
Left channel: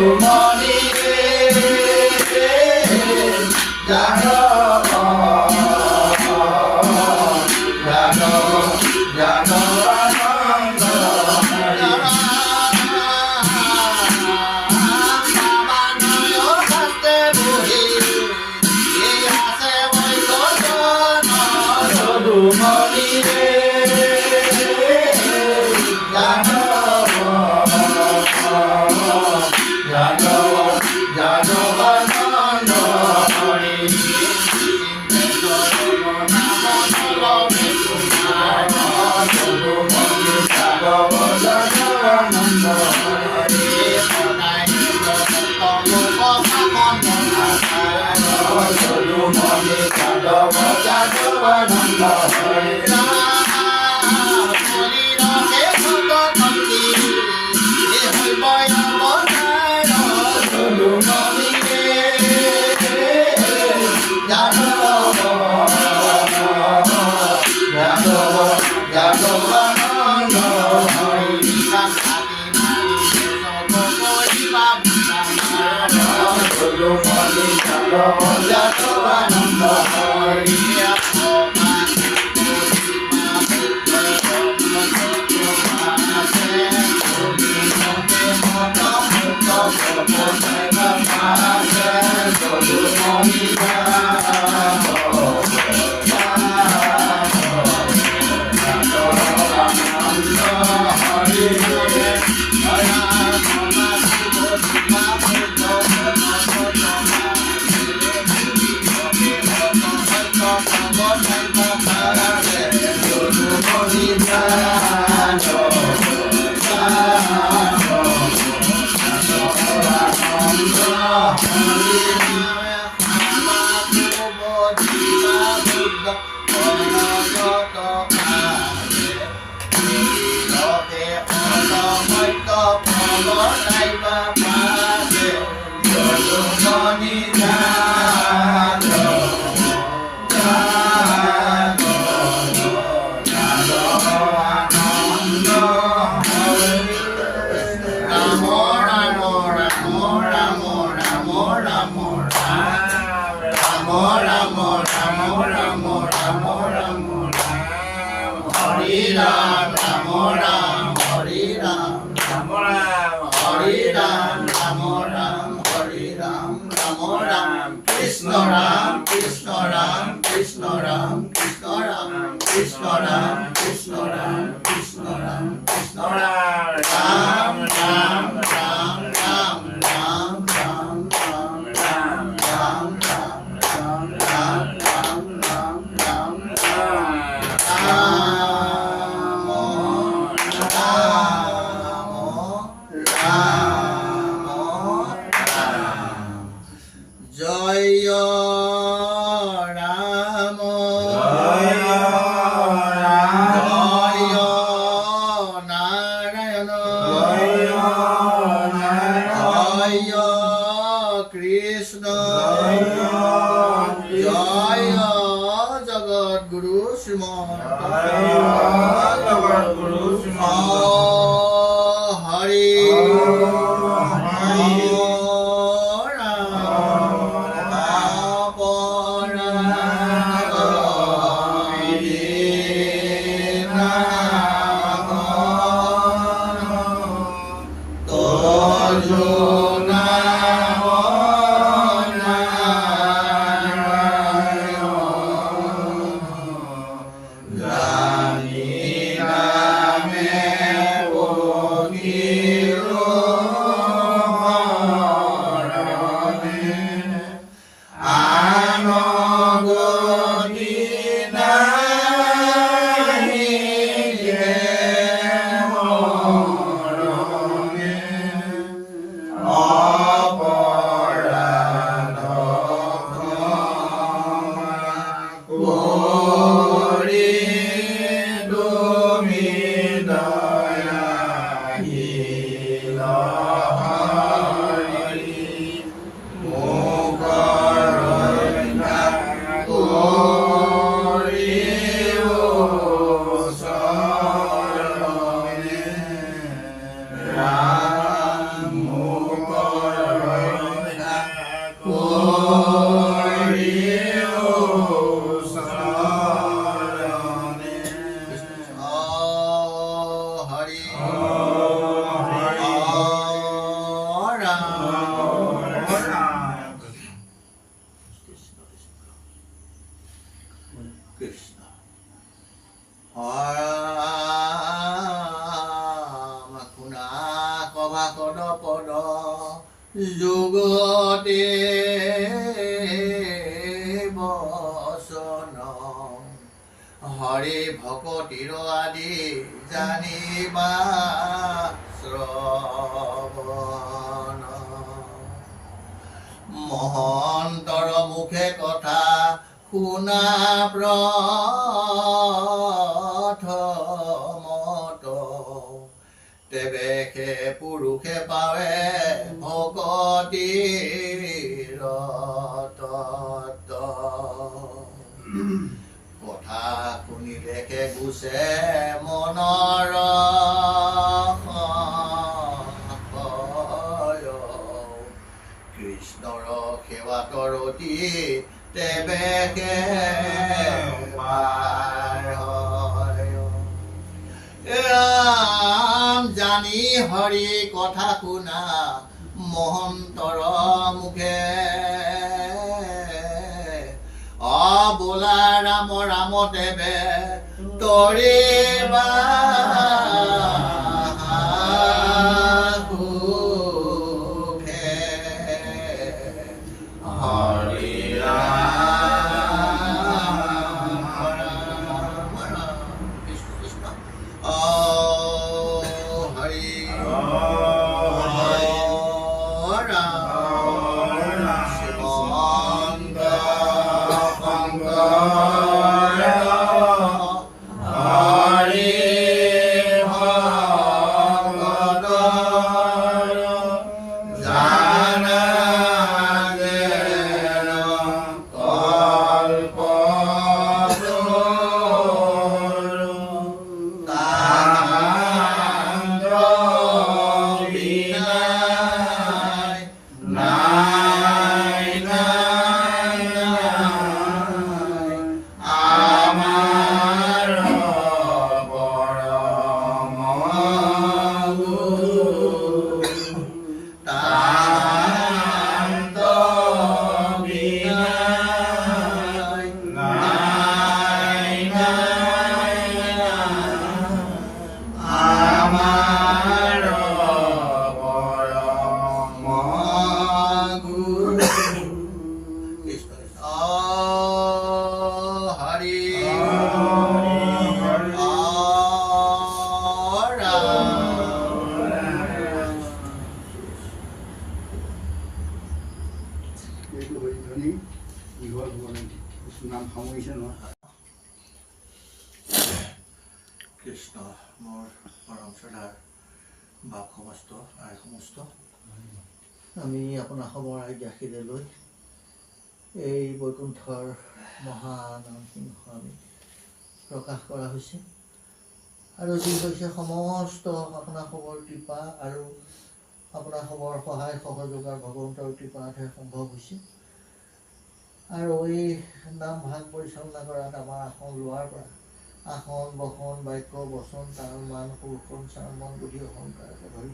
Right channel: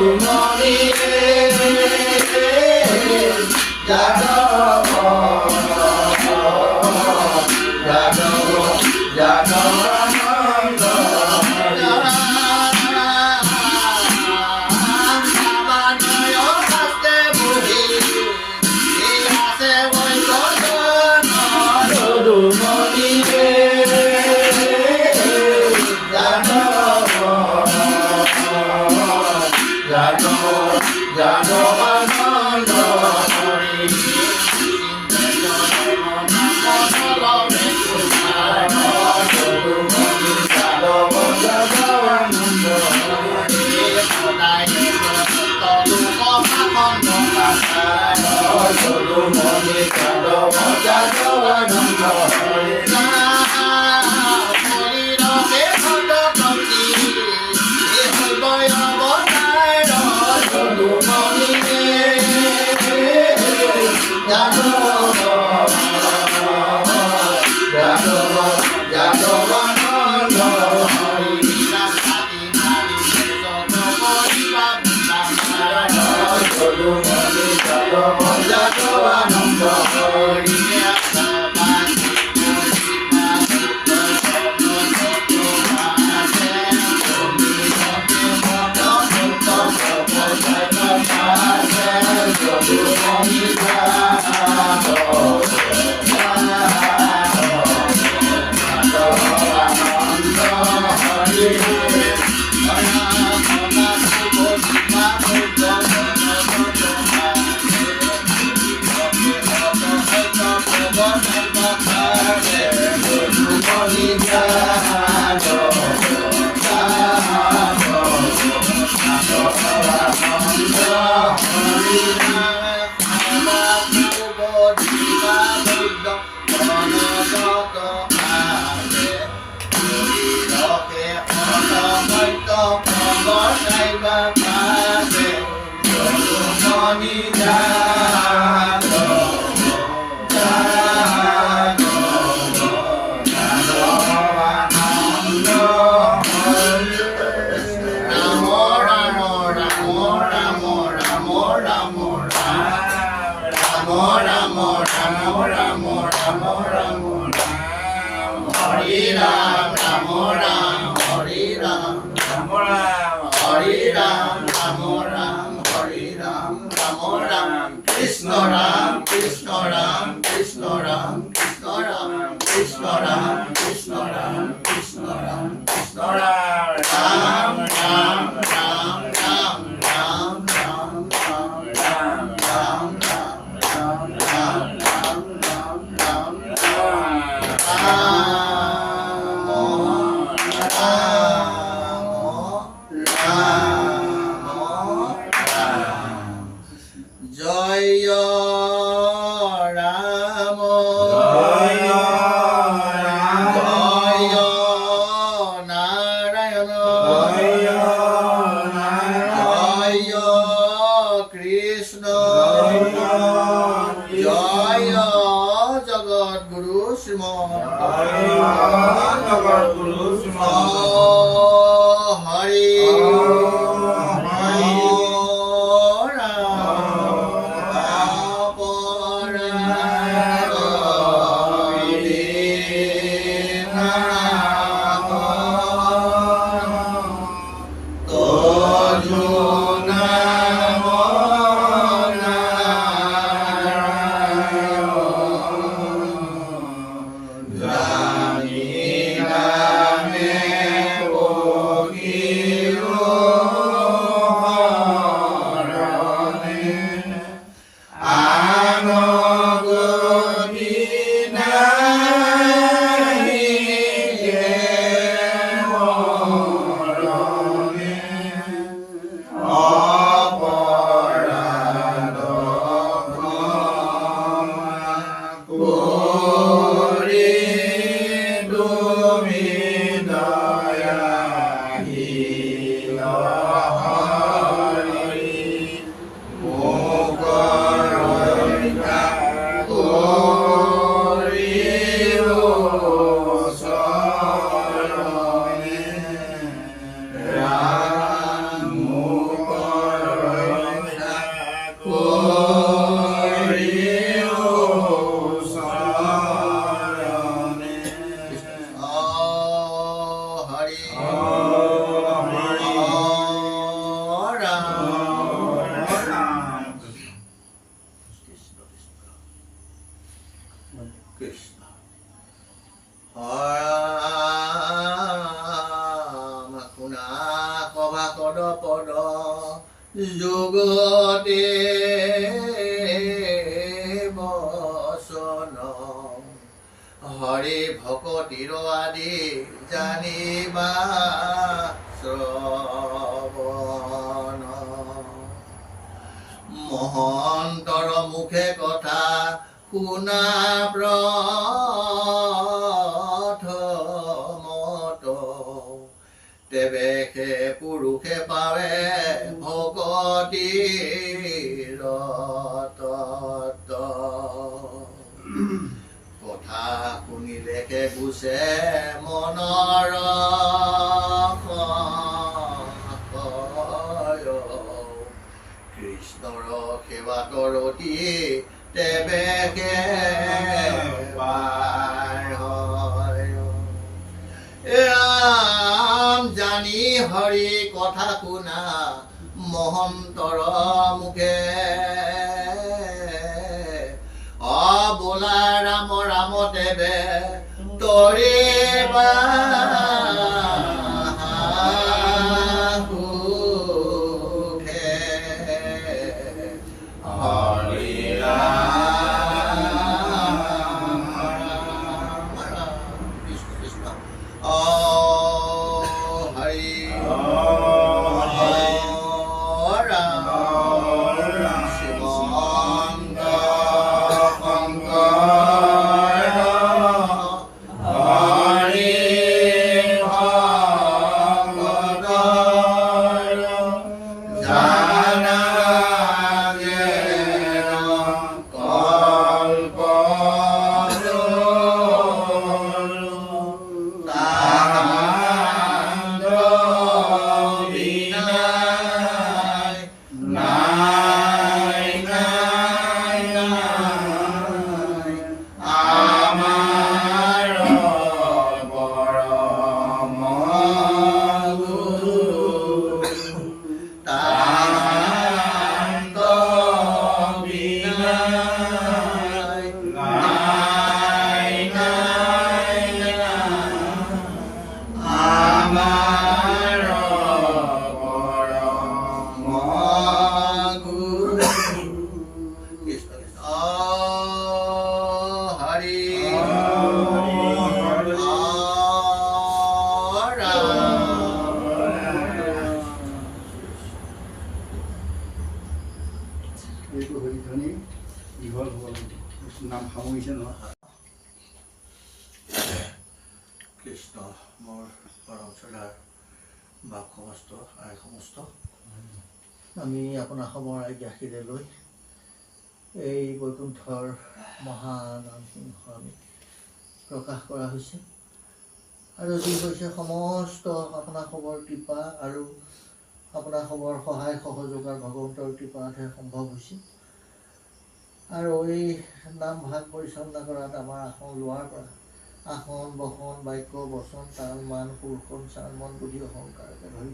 যদুমণি যাদৱ যাদৱানন্দ কৃষ্ণ হৰাম শুনা কভা কদ পদ যুগতে বচন হৰি ভকতিৰ আদি জানিবা শ্ৰৱণ মহন্তৰ মুখে কথা শুনা প্ৰথমত তেবেকে পুৰুষে পাৱে ভকতিৰ তত্ত্ব কথা শুনিলেকে গুচে মনৰ কৃষ্ণৰ সেৱা কৰতি তেবেকে পাৰ হয় ৰাম জানি হৰি কথা শুনা মহন্তৰ মুখে বোলা ৰাম ৰাম দেৱে তৰিবা সুখে হৰি ৰাম ৰাম কৃষ্ণ কৃষ্ণ হৰি কৃষ্ণ মোৰ পৰম শ্ৰদ্ধাৰ বাপ সমস্ত আই সমস্ত আমি আপোনাৰ খবৰ আজ্ঞাশীৰে লৈ এই বৈকুণ্ঠৰ মহানাম সিংহ আমি প্ৰকাশ কৰা হৈছে আৰু যি হৈছে সমস্ত আপোনাৰ খবৰ কৃপা আৰু আপোনাৰ খবৰ সহায় সহযোগ আৰু ভগৱন্তৰ কৃপাতহে সম্ভৱ হৈছে আৰু এই নাম ভাগ পৰিচালনা কৰাত আমাৰ আসন লোৱাৰ পৰা আসন বসন বাক্য বচন তাল মান সুৰখন চাৰ মন বুদ্ধি অহংকাৰকে ধৰি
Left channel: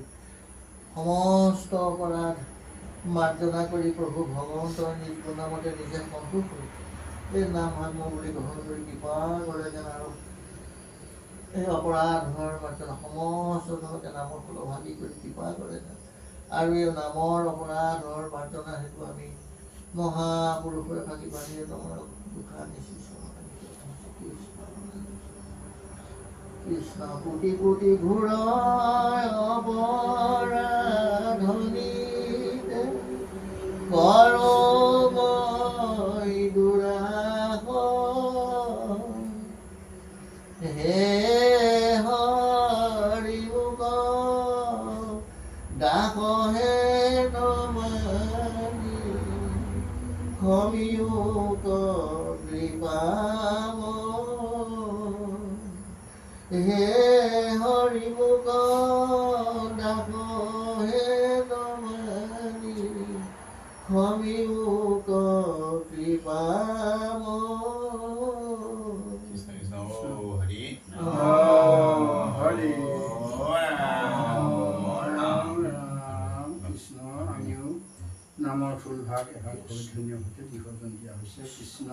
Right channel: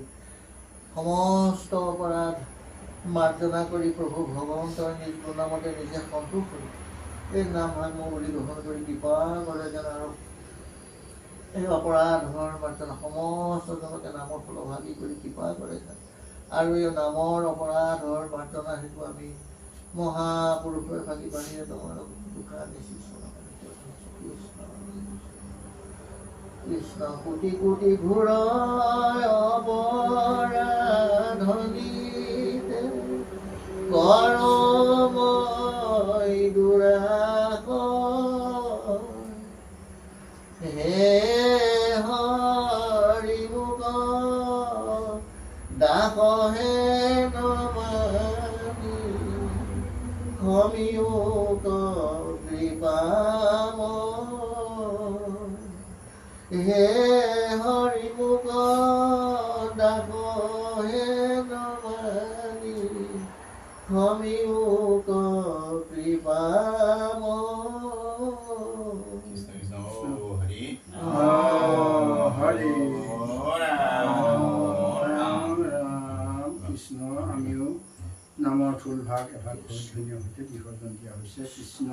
সমস্ত অপৰাধ মাৰ্জনা কৰি প্ৰভু ভগৱন্তৰ নিজ গুণামতে নিজে সন্তোষ কৰি এই নাম ভাগ মই বুলি গ্ৰহণ কৰি কৃপা কৰে যেন আৰু এই অপৰাধৰ মাৰ্জনা সমস্ত জনকে নামৰ ফলভাগী কৰি কৃপা কৰে যেন আৰু এই নামৰ অপৰাধৰ মাৰ্জনা হেতু আমি মহাপুৰুষৰ ভাগি বাহিৰে তোমাৰ দুখা নিশ্চিত কৃষ্ণ কোটি কোটি ঘূৰাই অপৰাধনীতে কৰমই দুৰাস হে হৰি মুক দাসহে নমানি ক্ষমিয়োক কৃপাম হে হৰি মুক দাস হে নমানি ক্ষমিয়োক কৃপাম হৰি কৃষ্ণ আমিও নামৰ ফুল ভাগ এভাগ বহুত ধুনীয়া সৈতে বিসৰ্জন দিয়া হৈছে কৃষ্ণ